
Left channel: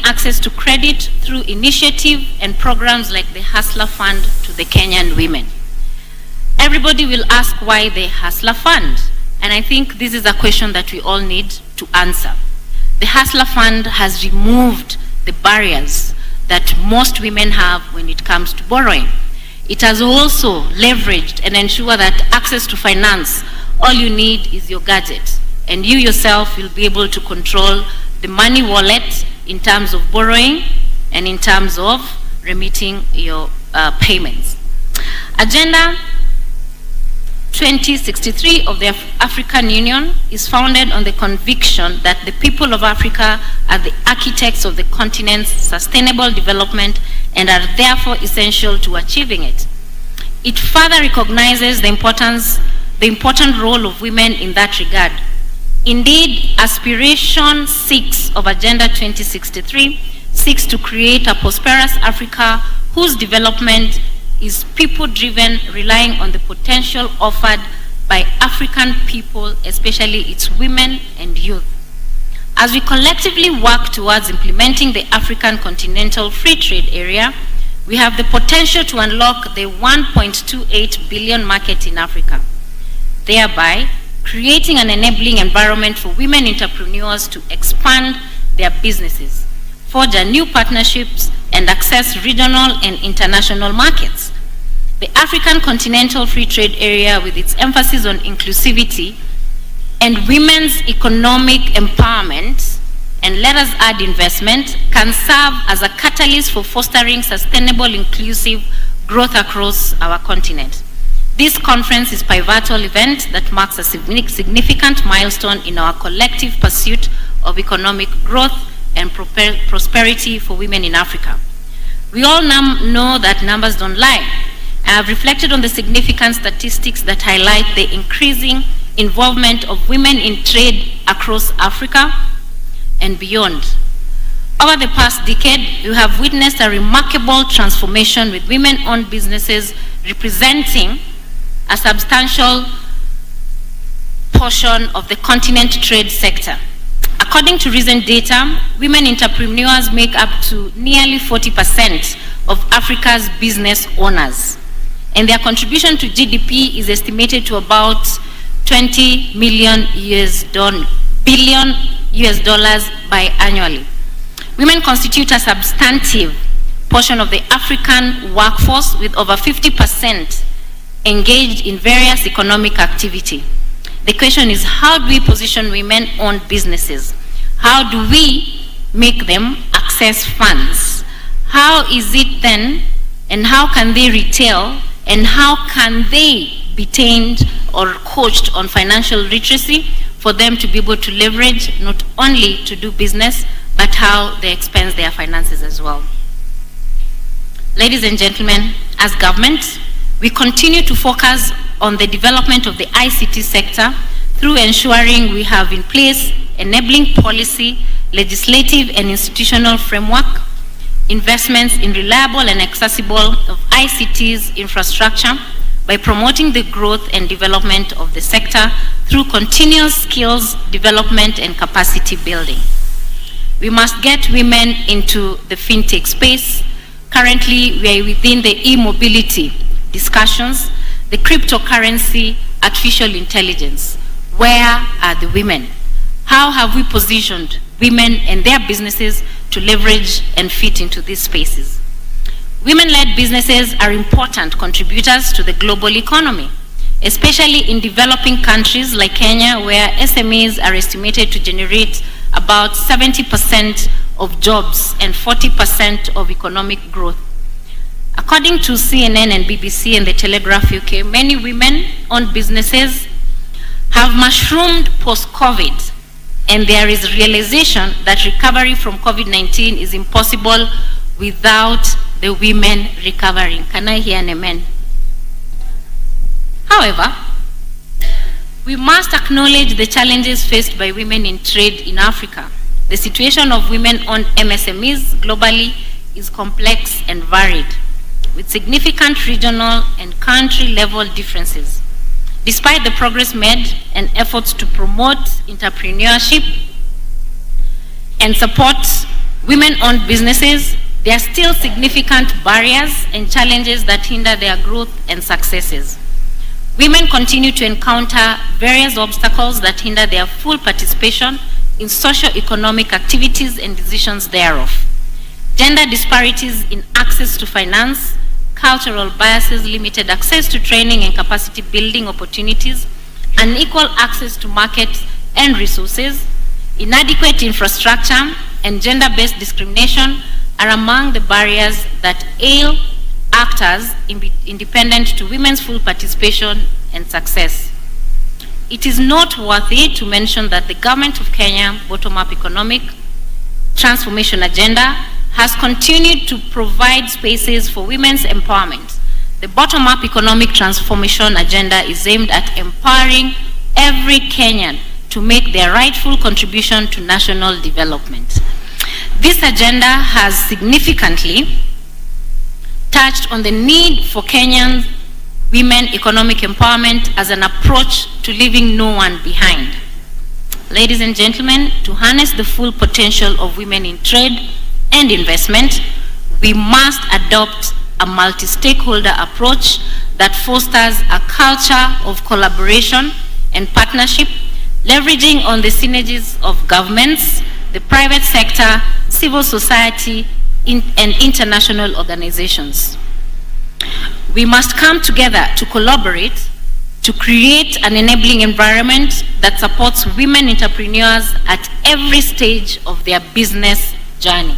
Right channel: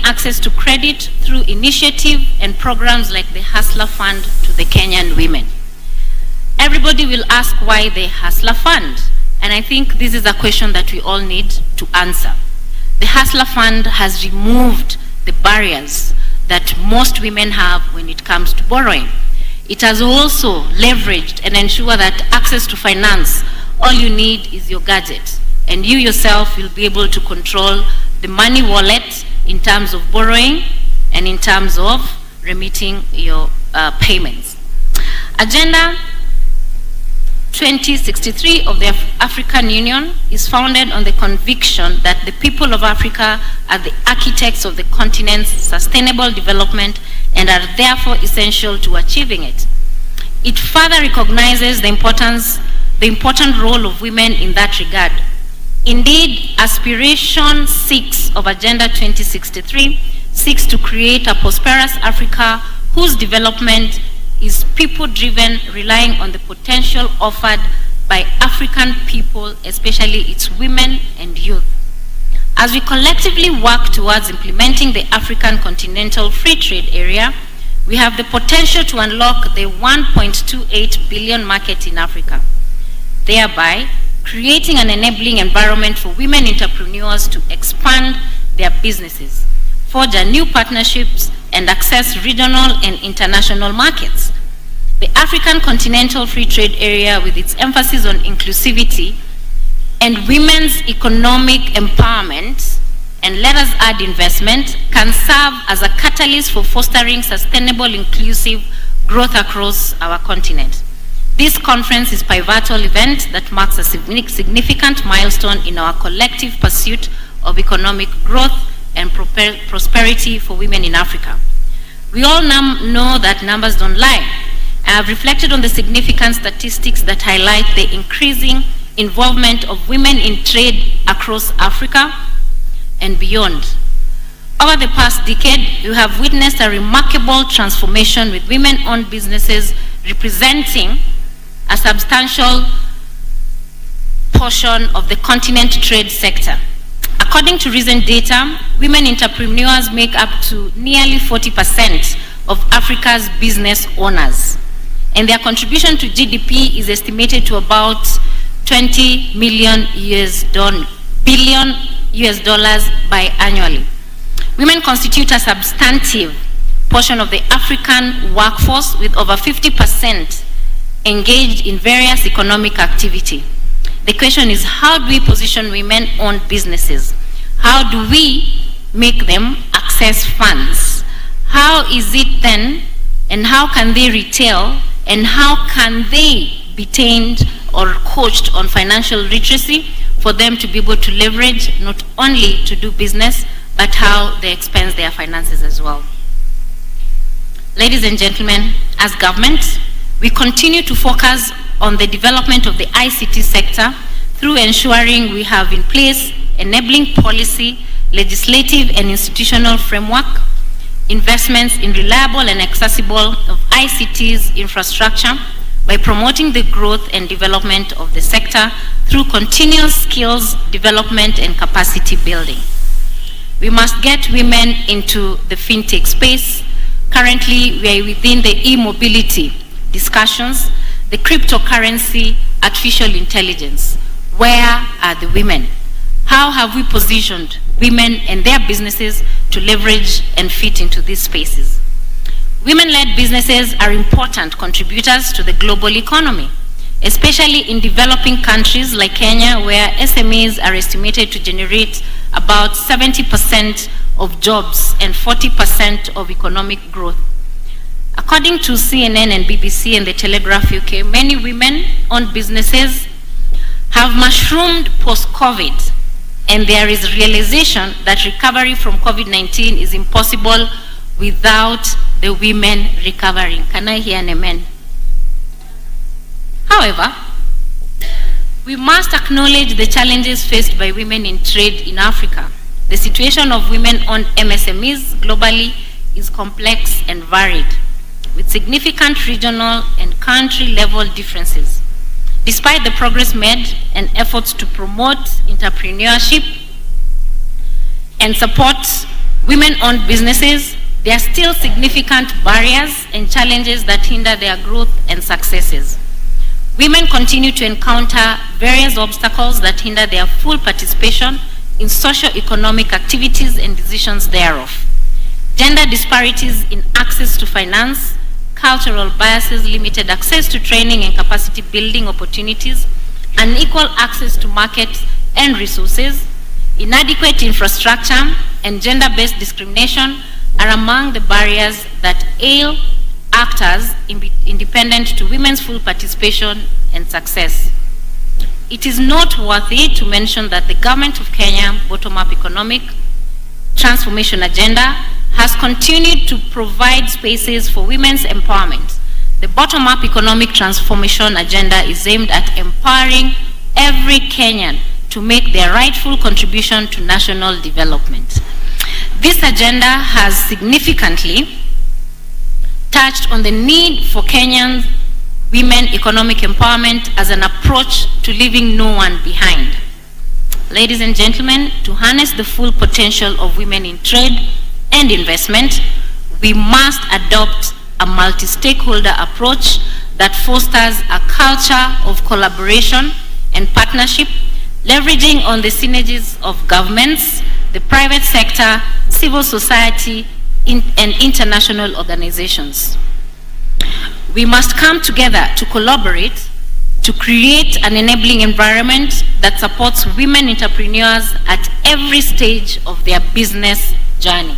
access to credit through initiative and programs like the Hustler Fund to the Kenyan women. Everybody will ask why the Hustler Fund, and I think this is a question that we all need to answer. The Hustler Fund has removed the barriers that most women have when it comes to borrowing. It has also leveraged and ensured that access to finance, all you need is your gadget, and you yourself will be able to control the money wallet in terms of borrowing and in terms of remitting your payments. Agenda 2063 of the African Union is founded on the conviction that the people of Africa are the architects of the continent's sustainable development and are therefore essential to achieving it. It further recognizes the important role of women in that regard. Indeed, Aspiration 6 of Agenda 2063 seeks to create a prosperous Africa whose development is people-driven, relying on the potential offered by African people, especially its women and youth. As we collectively work towards implementing the African Continental Free Trade Area, we have the potential to unlock the 1.28 billion market in Africa, thereby creating an enabling environment for women entrepreneurs to expand their businesses, forge new partnerships, and access regional and international markets. The African Continental Free Trade Area, with its emphasis on inclusivity and women's economic empowerment, and let us add investment, can serve as a catalyst for fostering sustainable, inclusive growth across our continent. This conference is a pivotal event that marks a significant milestone in our collective pursuit of economic growth and prosperity for women in Africa. We all know that numbers don't lie. I have reflected on the significant statistics that highlight the increasing involvement of women in trade across Africa and beyond. Over the past decade, we have witnessed a remarkable transformation, with women-owned businesses representing a substantial portion of the continent trade sector. According to recent data, women entrepreneurs make up to nearly 40% of Africa's business owners, and their contribution to GDP is estimated to about $20 billion biannually. Women constitute a substantive portion of the African workforce, with over 50% engaged in various economic activity. The question is, how do we position women-owned businesses? How do we make them access funds? How is it then, and how can they retail, and how can they be trained or coached on financial literacy for them to be able to leverage not only to do business, but how they expense their finances as well? Ladies and gentlemen, as government, we continue to focus on the development of the ICT sector through ensuring we have in place enabling policy, legislative and institutional framework, investments in reliable and accessible of ICT's infrastructure by promoting the growth and development of the sector through continuous skills development and capacity building. We must get women into the fintech space. Currently, we are within the e-mobility discussions, the cryptocurrency, artificial intelligence. Where are the women? How have we positioned women and their businesses to leverage and fit into these spaces? Women-led businesses are important contributors to the global economy, especially in developing countries like Kenya, where SMEs are estimated to generate about 70% of jobs and 40% of economic growth. According to CNN and BBC and the Telegraph UK, many women-owned businesses have mushroomed post-COVID and there is realization that recovery from COVID-19 is impossible without the women recovering. Can I hear an amen? However, we must acknowledge the challenges faced by women in trade in Africa. The situation of women-owned MSMEs globally is complex and varied, with significant regional and country-level differences. Despite the progress made and efforts to promote entrepreneurship and support women-owned businesses, there are still significant barriers and challenges that hinder their growth and successes. Women continue to encounter various obstacles that hinder their full participation in socio-economic activities and decisions thereof. Gender disparities in access to finance, cultural biases, limited access to training and capacity building opportunities, unequal access to markets and resources, inadequate infrastructure, and gender-based discrimination are among the barriers that ail actors independent to women's full participation and success. It is noteworthy to mention that the Government of Kenya bottom-up economic transformation agenda has continued to provide spaces for women's empowerment. The bottom-up economic transformation agenda is aimed at empowering every Kenyan to make their rightful contribution to national development. This agenda has significantly touched on the need for Kenyan women economic empowerment as an approach to leaving no one behind. Ladies and gentlemen, to harness the full potential of women in trade and investment, we must adopt a multi-stakeholder approach that fosters a culture of collaboration and partnership, leveraging on the synergies of governments, the private sector, civil society, and international organizations. We must come together to collaborate to create an enabling environment that supports women entrepreneurs at every stage of their business journey.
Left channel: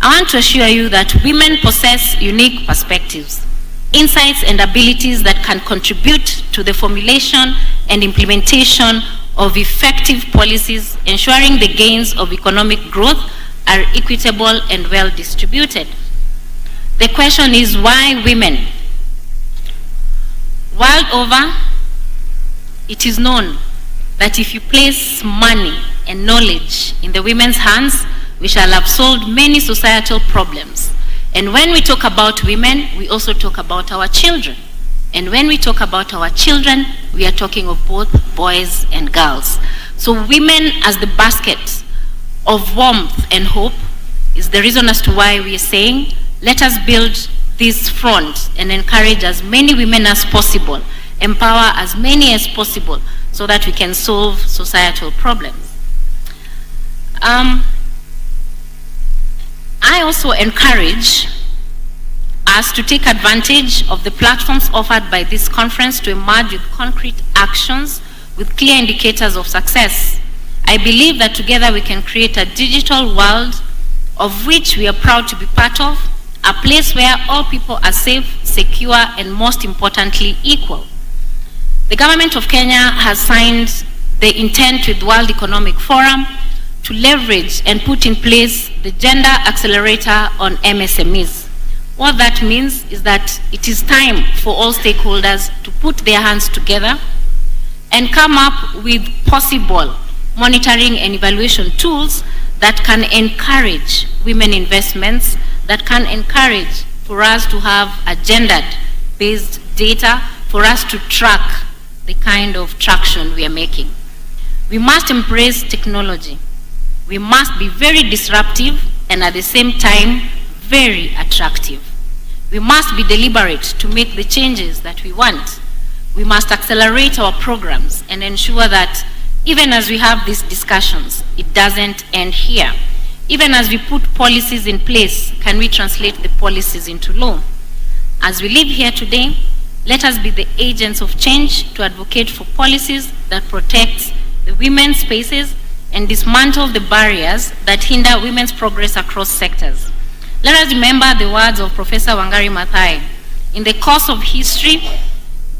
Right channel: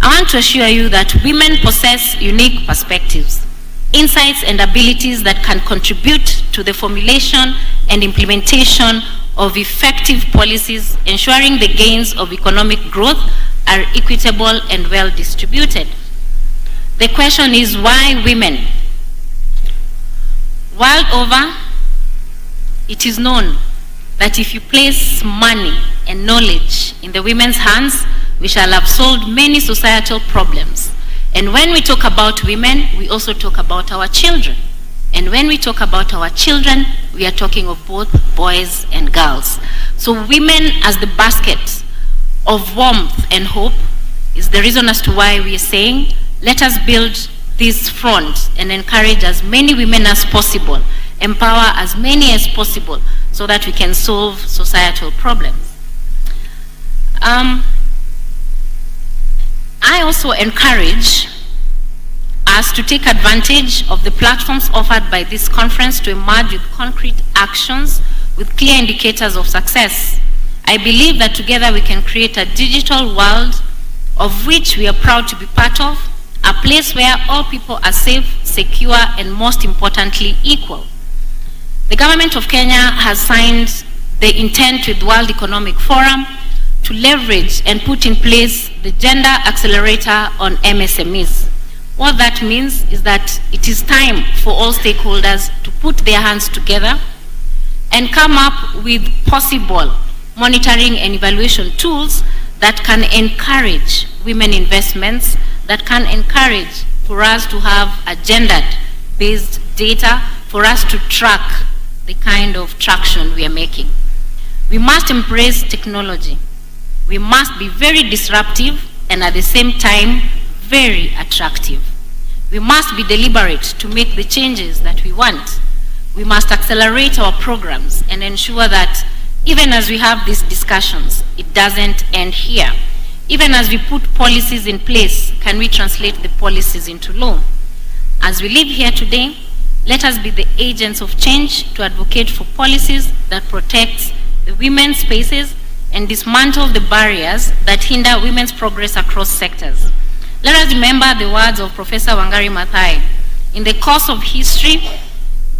I want to assure you that women possess unique perspectives, insights, and abilities that can contribute to the formulation and implementation of effective policies, ensuring the gains of economic growth are equitable and well distributed. The question is, why women? World over, it is known that if you place money and knowledge in the women's hands, we shall have solved many societal problems. And when we talk about women, we also talk about our children. And when we talk about our children, we are talking of both boys and girls. So women as the basket of warmth and hope is the reason as to why we are saying, let us build this front and encourage as many women as possible, empower as many as possible, so that we can solve societal problems. I also encourage us to take advantage of the platforms offered by this conference to emerge with concrete actions with clear indicators of success. I believe that together we can create a digital world of which we are proud to be part of, a place where all people are safe, secure, and most importantly, equal. The Government of Kenya has signed the intent with World Economic Forum to leverage and put in place the Gender Accelerator on MSMEs. What that means is that it is time for all stakeholders to put their hands together and come up with possible monitoring and evaluation tools that can encourage women investments, that can encourage for us to have a gender-based data, for us to track the kind of traction we are making. We must embrace technology. We must be very disruptive and at the same time very attractive. We must be deliberate to make the changes that we want. We must accelerate our programs and ensure that even as we have these discussions, it doesn't end here. Even as we put policies in place, can we translate the policies into law? As we live here today, let us be the agents of change to advocate for policies that protect the women's spaces and dismantle the barriers that hinder women's progress across sectors. Let us remember the words of Professor Wangari Maathai. In the course of history,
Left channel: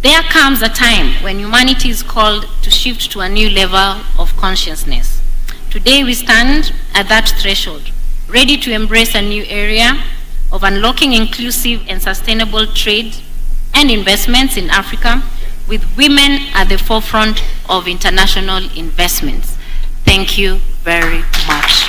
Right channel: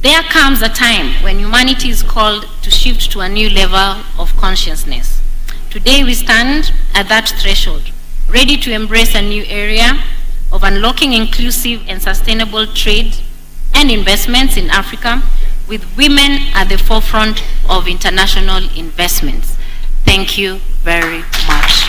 there comes a time when humanity is called to shift to a new level of consciousness. Today we stand at that threshold, ready to embrace a new area of unlocking inclusive and sustainable trade and investments in Africa, with women at the forefront of international investments. Thank you very much.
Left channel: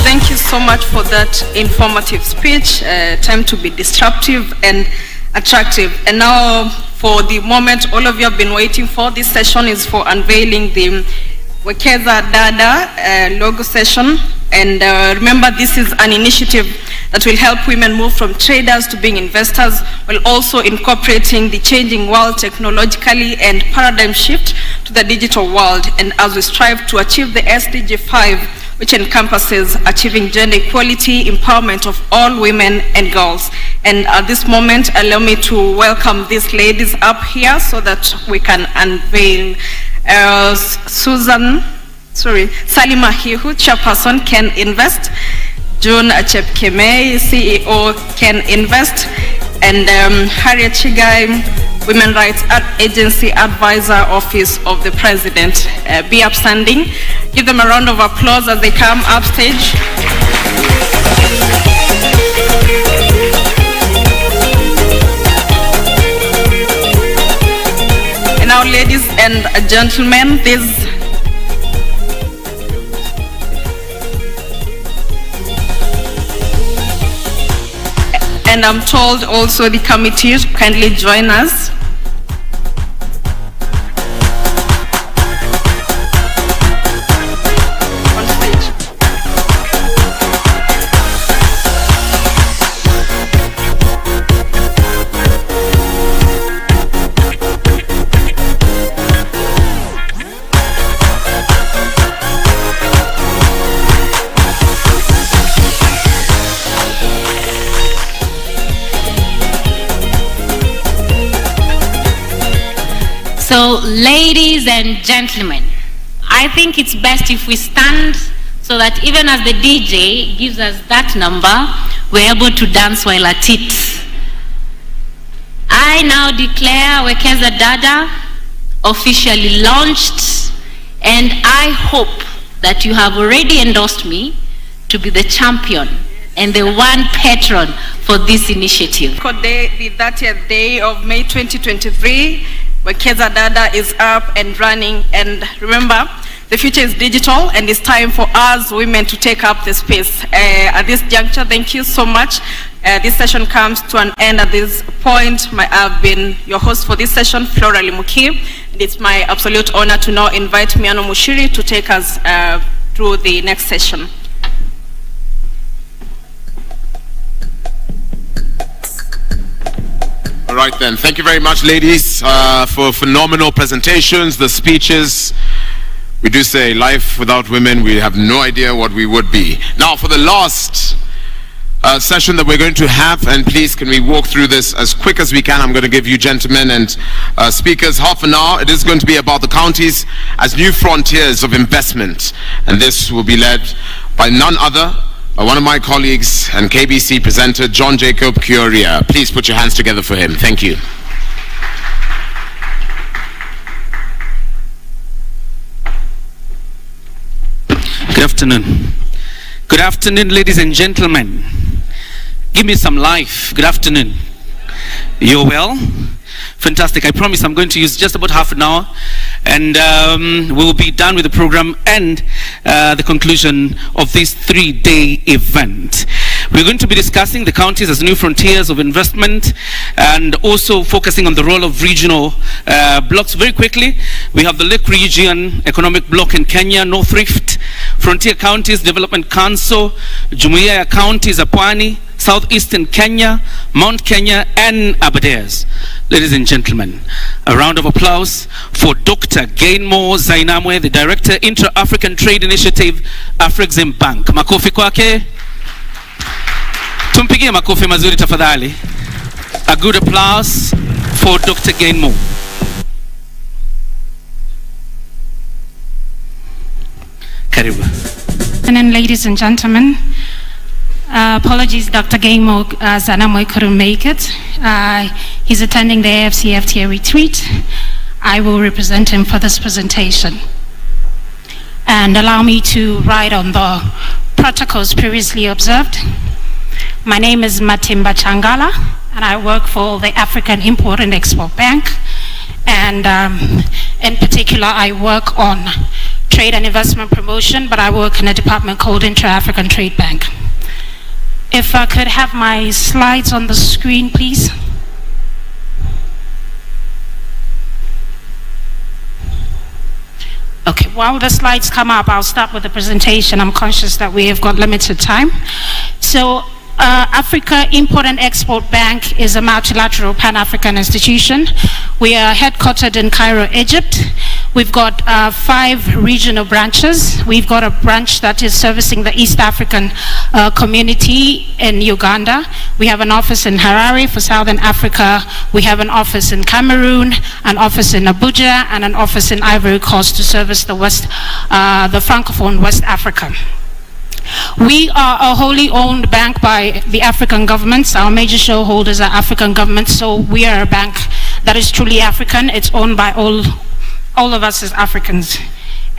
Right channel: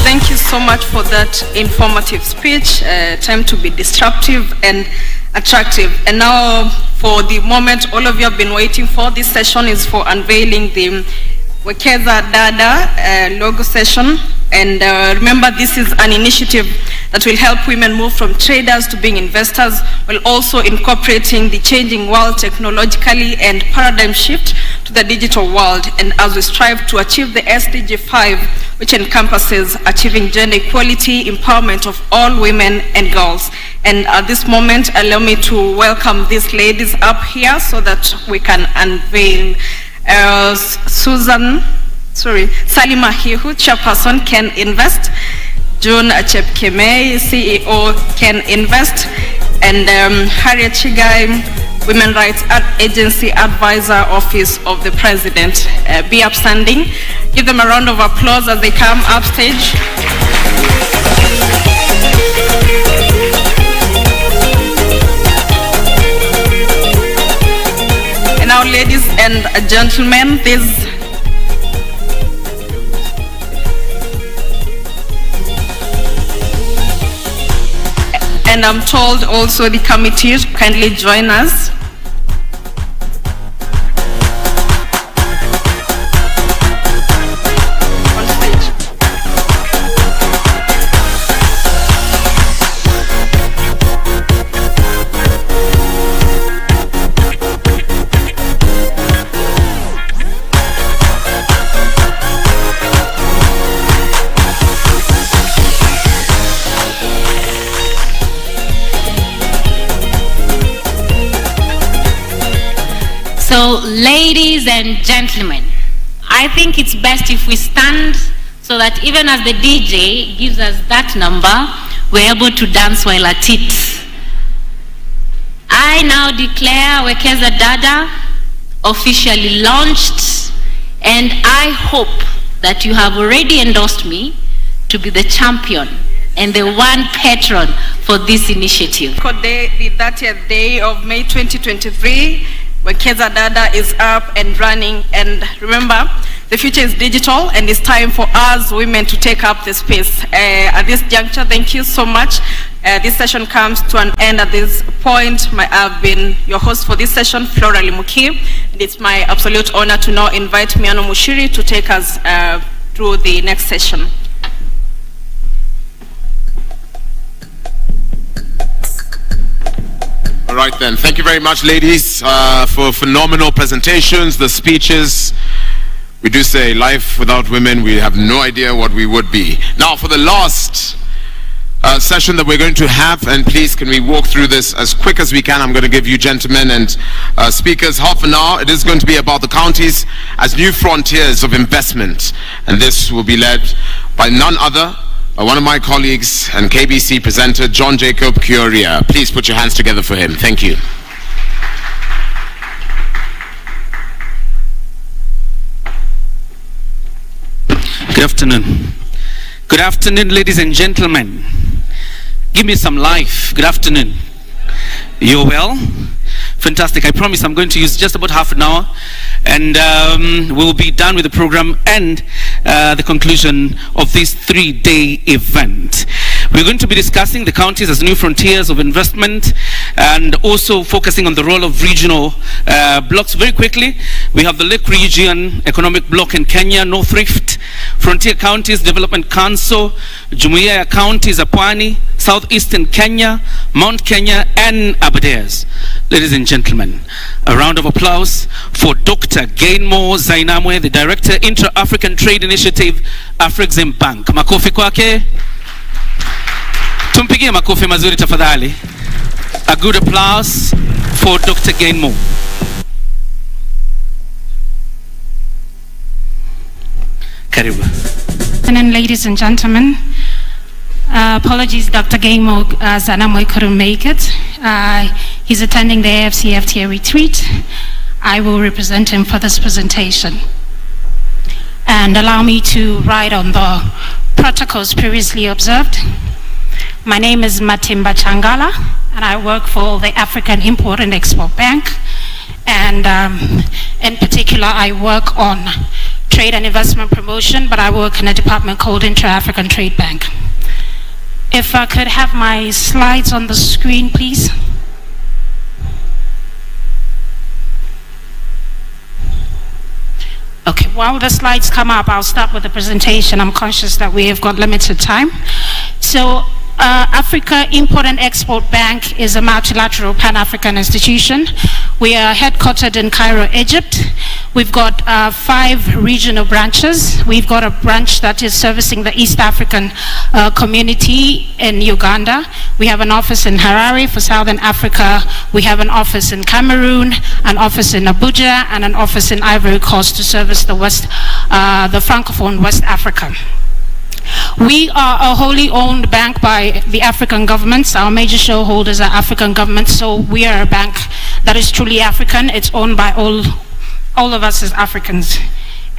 Thank you so much for that informative speech. Time to be disruptive and attractive. And now, for the moment all of you have been waiting for, this session is for unveiling the Wekeza Dada logo session. And remember, this is an initiative that will help women move from traders to being investors, while also incorporating the changing world technologically and paradigm shift to the digital world. And as we strive to achieve the SDG 5, which encompasses achieving gender equality, empowerment of all women and girls. And at this moment, allow me to welcome these ladies up here so that we can unveil. Salima Hihu, Chairperson, Can Invest. June Achepkemei, CEO, Can Invest. And Harriet Chigai, Women Rights Agency Advisor, Office of the President. Be upstanding. Give them a round of applause as they come up stage. And now, ladies and gentlemen, and I'm told also the committee kindly join us. On stage. So, ladies and gentlemen, I think it's best if we stand so that even as the DJ gives us that number, we're able to dance while at it. I now declare Wekeza Dada officially launched, and I hope that you have already endorsed me to be the champion and the one patron for this initiative. The 30th day of May 2023, Wekeza Dada is up and running, and remember, the future is digital, and it's time for us women to take up the space. At this juncture, thank you so much. This session comes to an end at this point. I've been your host for this session, Flora Limuki, and it's my absolute honor to now invite Miano Mushiri to take us through the next session. All right then, thank you very much, ladies, for phenomenal presentations, the speeches. We do say life without women, we have no idea what we would be. Now for the last session that we're going to have, and please can we walk through this as quick as we can. I'm going to give you gentlemen and speakers half an hour. It is going to be about the counties as new frontiers of investment, and this will be led by none other one of my colleagues and KBC presenter, John Jacob Kioria. Please put your hands together for him. Thank you. Good afternoon. Good afternoon, ladies and gentlemen. Give me some life. Good afternoon. You're well? Fantastic. I promise I'm going to use just about half an hour, and we'll be done with the program and the conclusion of this 3-day event. We're going to be discussing the counties as new frontiers of investment, and also focusing on the role of regional blocks. Very quickly, we have the Lake Region Economic Block in Kenya, North Rift, Frontier Counties Development Council, Jumuiya ya Counties za Pwani, Southeastern Kenya, Mount Kenya, and Aberdares. Ladies and gentlemen, a round of applause for Dr. Gainmore Zainamwe, the Director, Intra-African Trade Initiative, Afrexim Bank. Makofi kwake. Tumpigie makofi mazuri tafadhali. A good applause for Dr. Gainmore. Karibu. And ladies and gentlemen, apologies, Dr. Gamo Zanamoy couldn't make it. He's attending the AFCFTA retreat. I will represent him for this presentation. And allow me to write on the protocols previously observed. My name is Matimba Changala, and I work for the African Import and Export Bank. And in particular, I work on trade and investment promotion, but I work in a department called Intra-African Trade Bank. If I could have my slides on the screen, please. Okay, while the slides come up, I'll start with the presentation. I'm conscious that we have got limited time. So, Africa Import and Export Bank is a multilateral Pan-African institution. We are headquartered in Cairo, Egypt. We've got 5 regional branches. We've got a branch that is servicing the East African community in Uganda. We have an office in Harare for Southern Africa. We have an office in Cameroon, an office in Abuja, and an office in Ivory Coast to service the the Francophone West Africa. We are a wholly owned bank by the African governments. Our major shareholders are African governments, so we are a bank that is truly African. It's owned by all of us as Africans.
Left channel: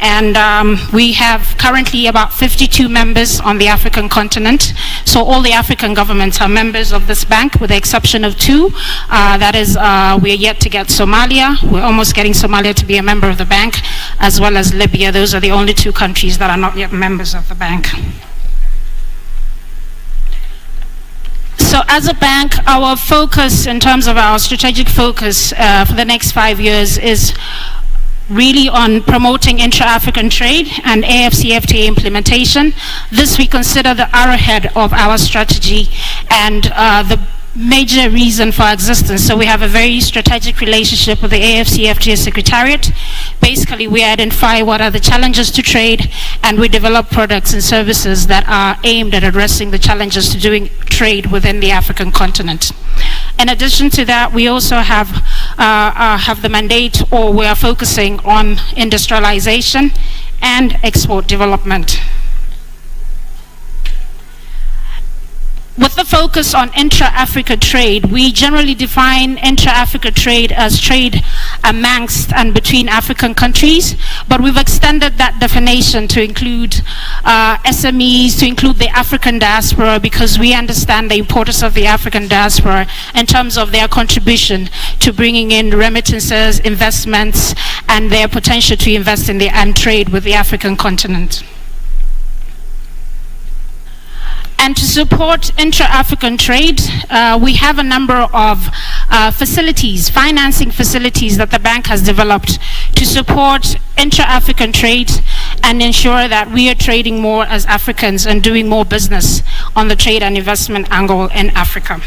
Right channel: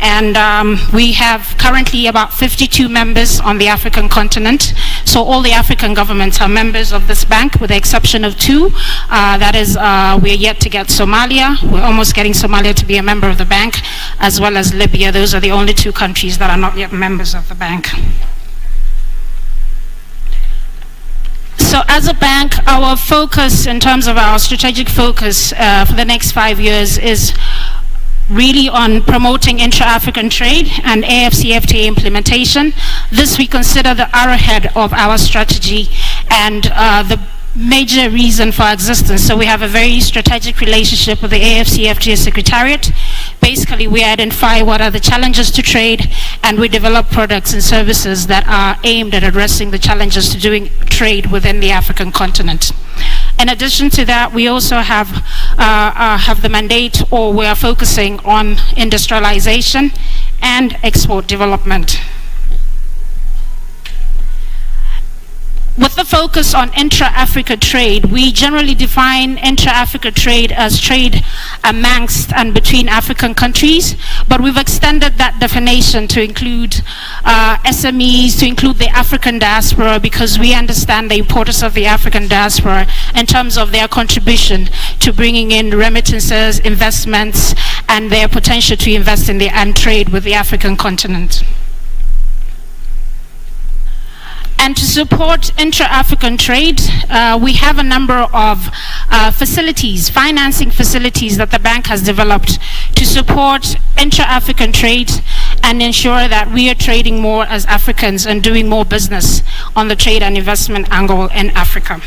And we have currently about 52 members on the African continent. So all the African governments are members of this bank, with the exception of 2. That is, we are yet to get Somalia. We're almost getting Somalia to be a member of the bank, as well as Libya. Those are the only 2 countries that are not yet members of the bank. So as a bank, our focus in terms of our strategic focus for the next 5 years is really on promoting intra-African trade and AFCFTA implementation. This we consider the arrowhead of our strategy and the major reason for existence. So we have a very strategic relationship with the AFCFTA Secretariat. Basically, we identify what are the challenges to trade, and we develop products and services that are aimed at addressing the challenges to doing trade within the African continent. In addition to that, we also have the mandate, or we are focusing on industrialization and export development. With the focus on intra-Africa trade, we generally define intra-Africa trade as trade amongst and between African countries, but we've extended that definition to include SMEs, to include the African diaspora, because we understand the importance of the African diaspora in terms of their contribution to bringing in remittances, investments, and their potential to invest in and trade with the African continent. And to support intra-African trade, we have a number of facilities, financing facilities that the bank has developed to support intra-African trade and ensure that we are trading more as Africans and doing more business on the trade and investment angle in Africa.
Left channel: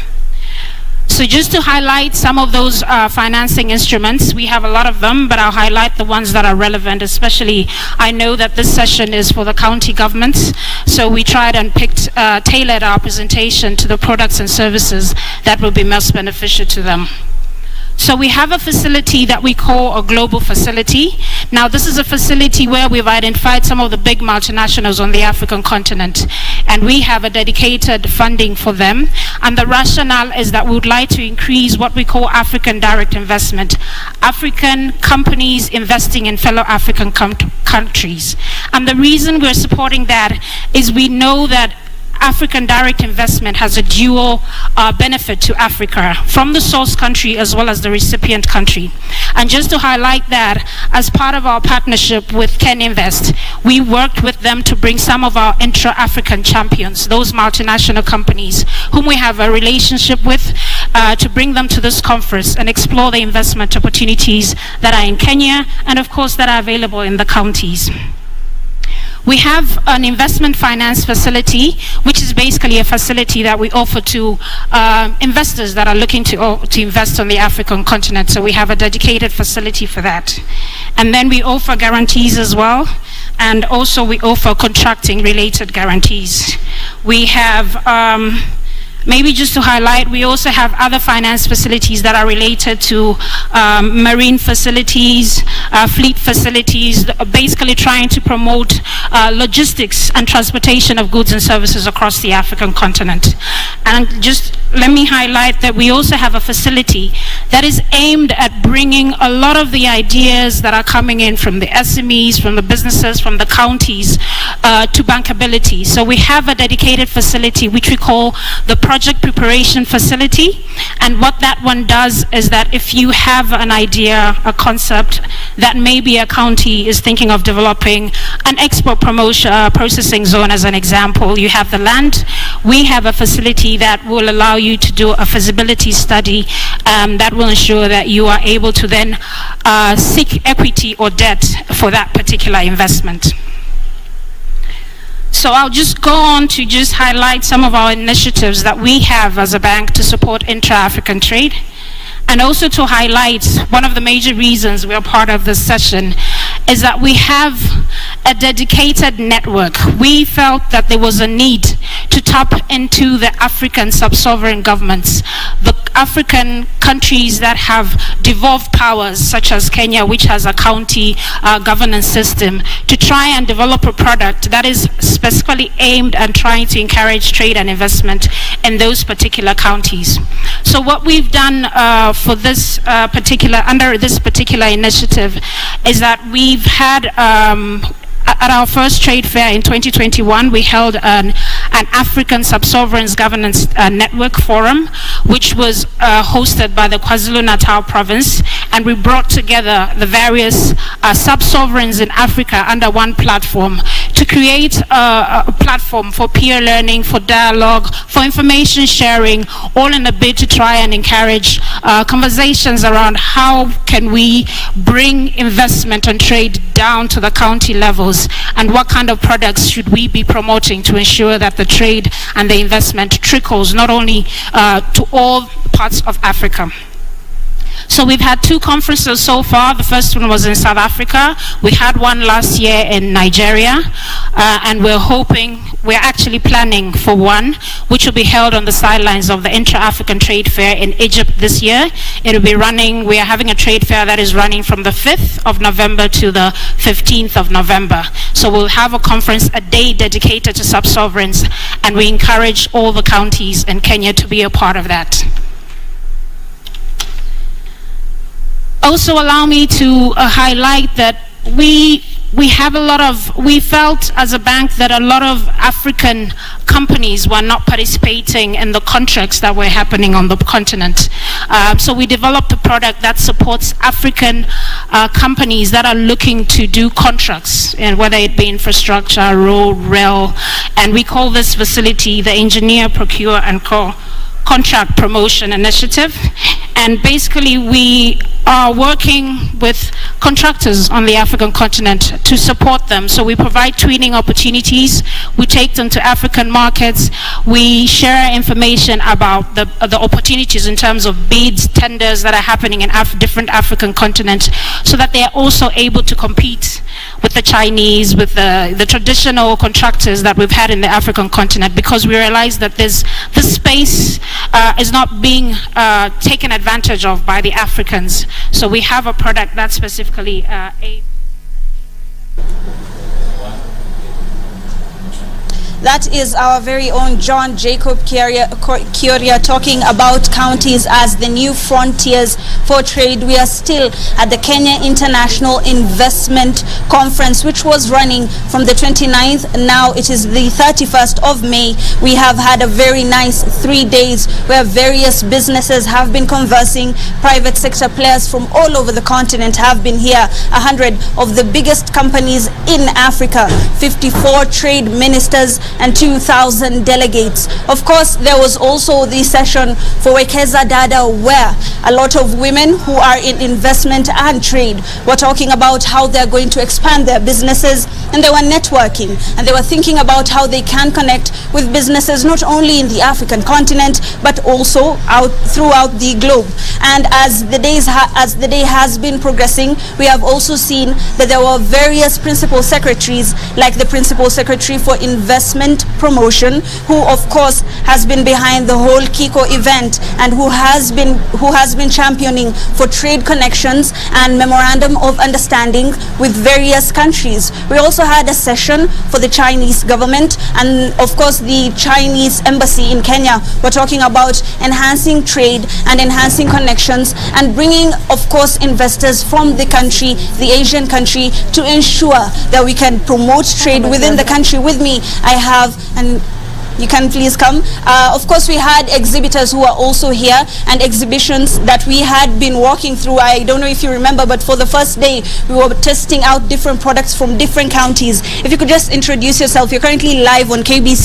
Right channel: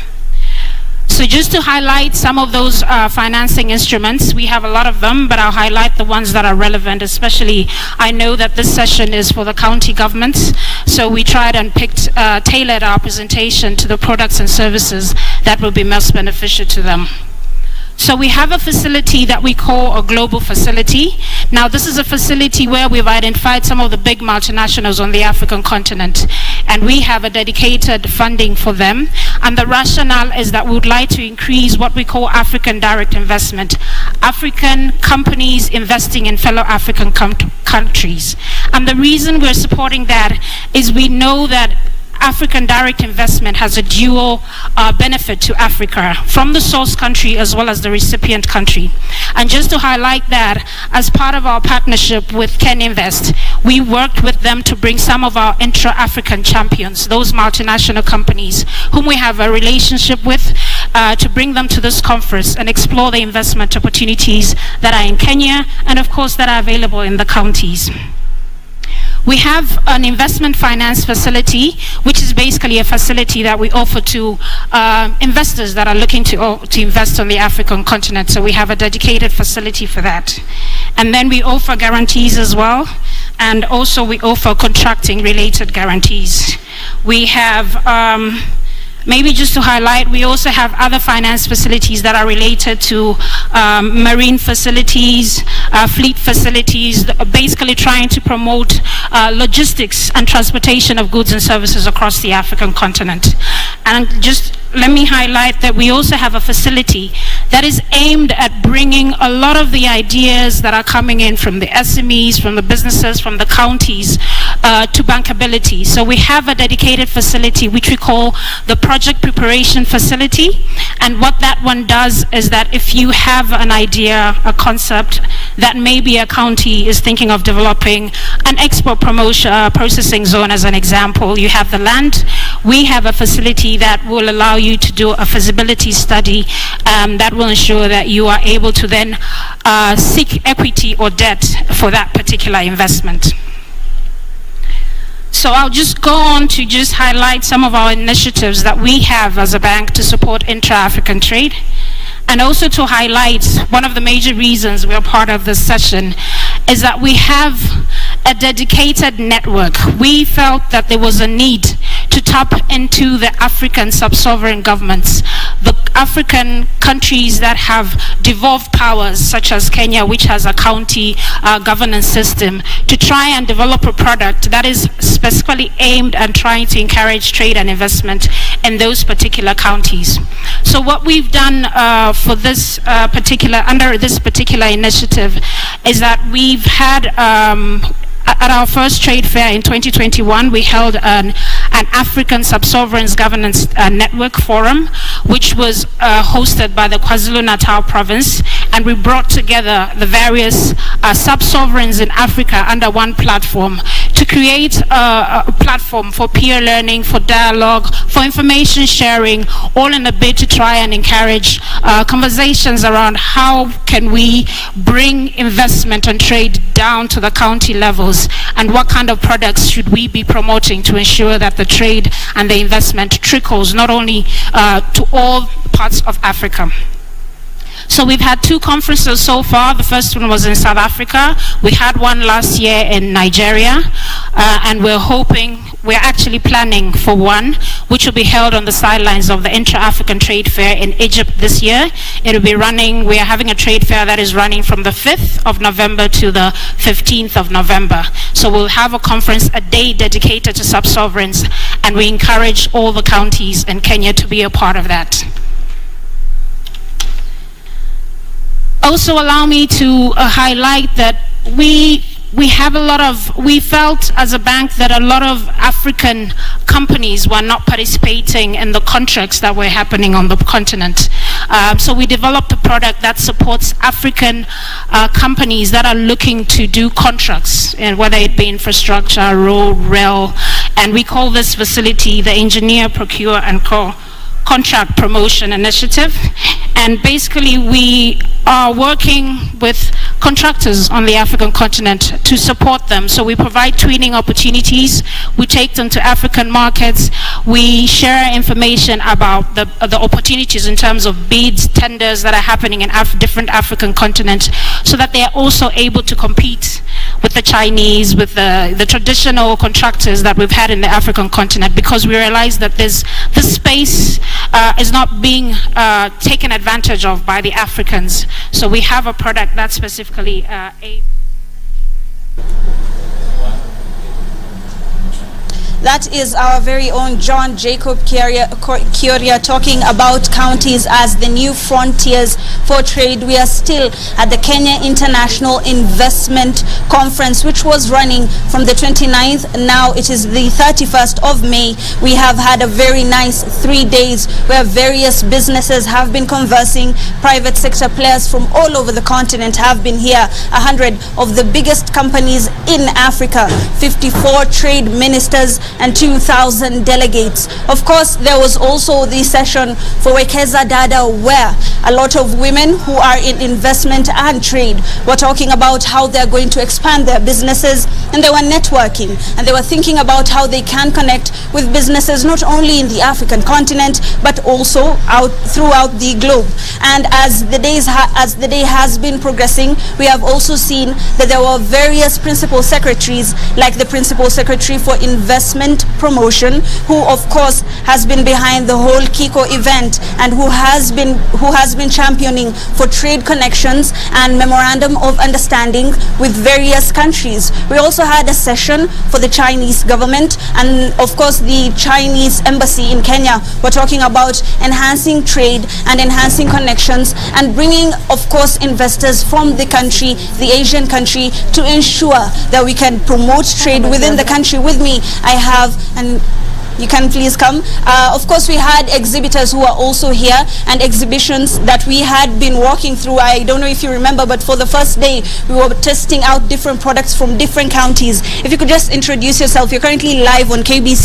So just to highlight some of those financing instruments, we have a lot of them, but I'll highlight the ones that are relevant, especially I know that this session is for the county governments, so we tried and tailored our presentation to the products and services that will be most beneficial to them. So we have a facility that we call a global facility. Now this is a facility where we've identified some of the big multinationals on the African continent, and we have a dedicated funding for them. And the rationale is that we would like to increase what we call African direct investment, African companies investing in fellow African countries. And the reason we're supporting that is we know that African direct investment has a dual benefit to Africa, from the source country as well as the recipient country. And just to highlight that, as part of our partnership with KenInvest, we worked with them to bring some of our intra-African champions, those multinational companies whom we have a relationship with, to bring them to this conference and explore the investment opportunities that are in Kenya and of course that are available in the counties. We have an investment finance facility, which is basically a facility that we offer to investors that are looking to invest on the African continent. So we have a dedicated facility for that. And then we offer guarantees as well. And also we offer contracting related guarantees. We have Maybe just to highlight, we also have other finance facilities that are related to marine facilities, fleet facilities, basically trying to promote logistics and transportation of goods and services across the African continent. And just let me highlight that we also have a facility that is aimed at bringing a lot of the ideas that are coming in from the SMEs, from the businesses, from the counties to bankability. So we have a dedicated facility which we call the Project Preparation Facility. And what that one does is that if you have an idea, a concept that maybe a county is thinking of developing an export promotion processing zone as an example, you have the land, we have a facility that will allow you to do a feasibility study that will ensure that you are able to then seek equity or debt for that particular investment. So I'll just go on to just highlight some of our initiatives that we have as a bank to support intra-African trade, and also to highlight one of the major reasons we are part of this session is that we have a dedicated network. We felt that there was a need to tap into the African sub-sovereign governments, the African countries that have devolved powers, such as Kenya, which has a county governance system, to try and develop a product that is specifically aimed at trying to encourage trade and investment in those particular counties. So what we've done for this under this particular initiative is that we've had at our first trade fair in 2021, we held an African Sub-Sovereigns Governance Network Forum, which was hosted by the KwaZulu-Natal province, and we brought together the various sub-sovereigns in Africa under one platform to create a platform for peer learning, for dialogue, for information sharing, all in a bid to try and encourage conversations around how can we bring investment and trade down to the county levels, and what kind of products should we be promoting to ensure that the trade and the investment trickles not only to all parts of Africa. So we've had 2 conferences so far. The first one was in South Africa. We had one last year in Nigeria, and we're actually planning for one, which will be held on the sidelines of the Intra-African Trade Fair in Egypt this year. It will be running, we are having a trade fair that is running from the 5th of November to the 15th of November. So we'll have a conference, a day dedicated to sub-sovereigns, and we encourage all the counties in Kenya to be a part of that. Also allow me to highlight that we felt as a bank that a lot of African companies were not participating in the contracts that were happening on the continent. So we developed a product that supports African companies that are looking to do contracts, and whether it be infrastructure, road, rail, and we call this facility the Engineer, Procure and Contract Promotion Initiative. And basically we are working with contractors on the African continent to support them. So we provide training opportunities, we take them to African markets, we share information about the opportunities in terms of bids, tenders that are happening in different African continents, so that they are also able to compete with the Chinese, with the traditional contractors that we've had in the African continent, because we realize that this space is not being taken advantage of by the Africans. So we have a product that specifically That is our very own John Jacob Kioria talking about counties as the new frontiers for trade. We are still at the Kenya International Investment Conference, which was running from the 29th. Now it is the 31st of May. We have had a very nice 3 days where various businesses have been conversing. Private sector players from all over the continent have been here. 100 of the biggest companies in Africa, 54 trade ministers, and 2,000 delegates. Of course, there was also the session for Wekeza Dada, where a lot of women who are in investment and trade were talking about how they're going to expand their businesses, and they were networking, and they were thinking about how they can connect with businesses not only in the African continent but also out throughout the globe. And as the day has been progressing, we have also seen that there were various principal secretaries, like the Principal Secretary for Investment Investment Promotion, who of course has been behind the whole Kiko event and who has been championing for trade connections and memorandum of understanding with various countries. We also had a session for the Chinese government and of course the Chinese embassy in Kenya. We're talking about enhancing trade and enhancing connections and bringing of course investors from the country, the Asian country, to ensure that we can promote trade within the country. With me I have, and you can please come. Of course, we had exhibitors who are also here and exhibitions that we had been walking through. I don't know if you remember, but for the first day, we were testing out different products from different counties. If you could just introduce yourself. You're currently live on KBC.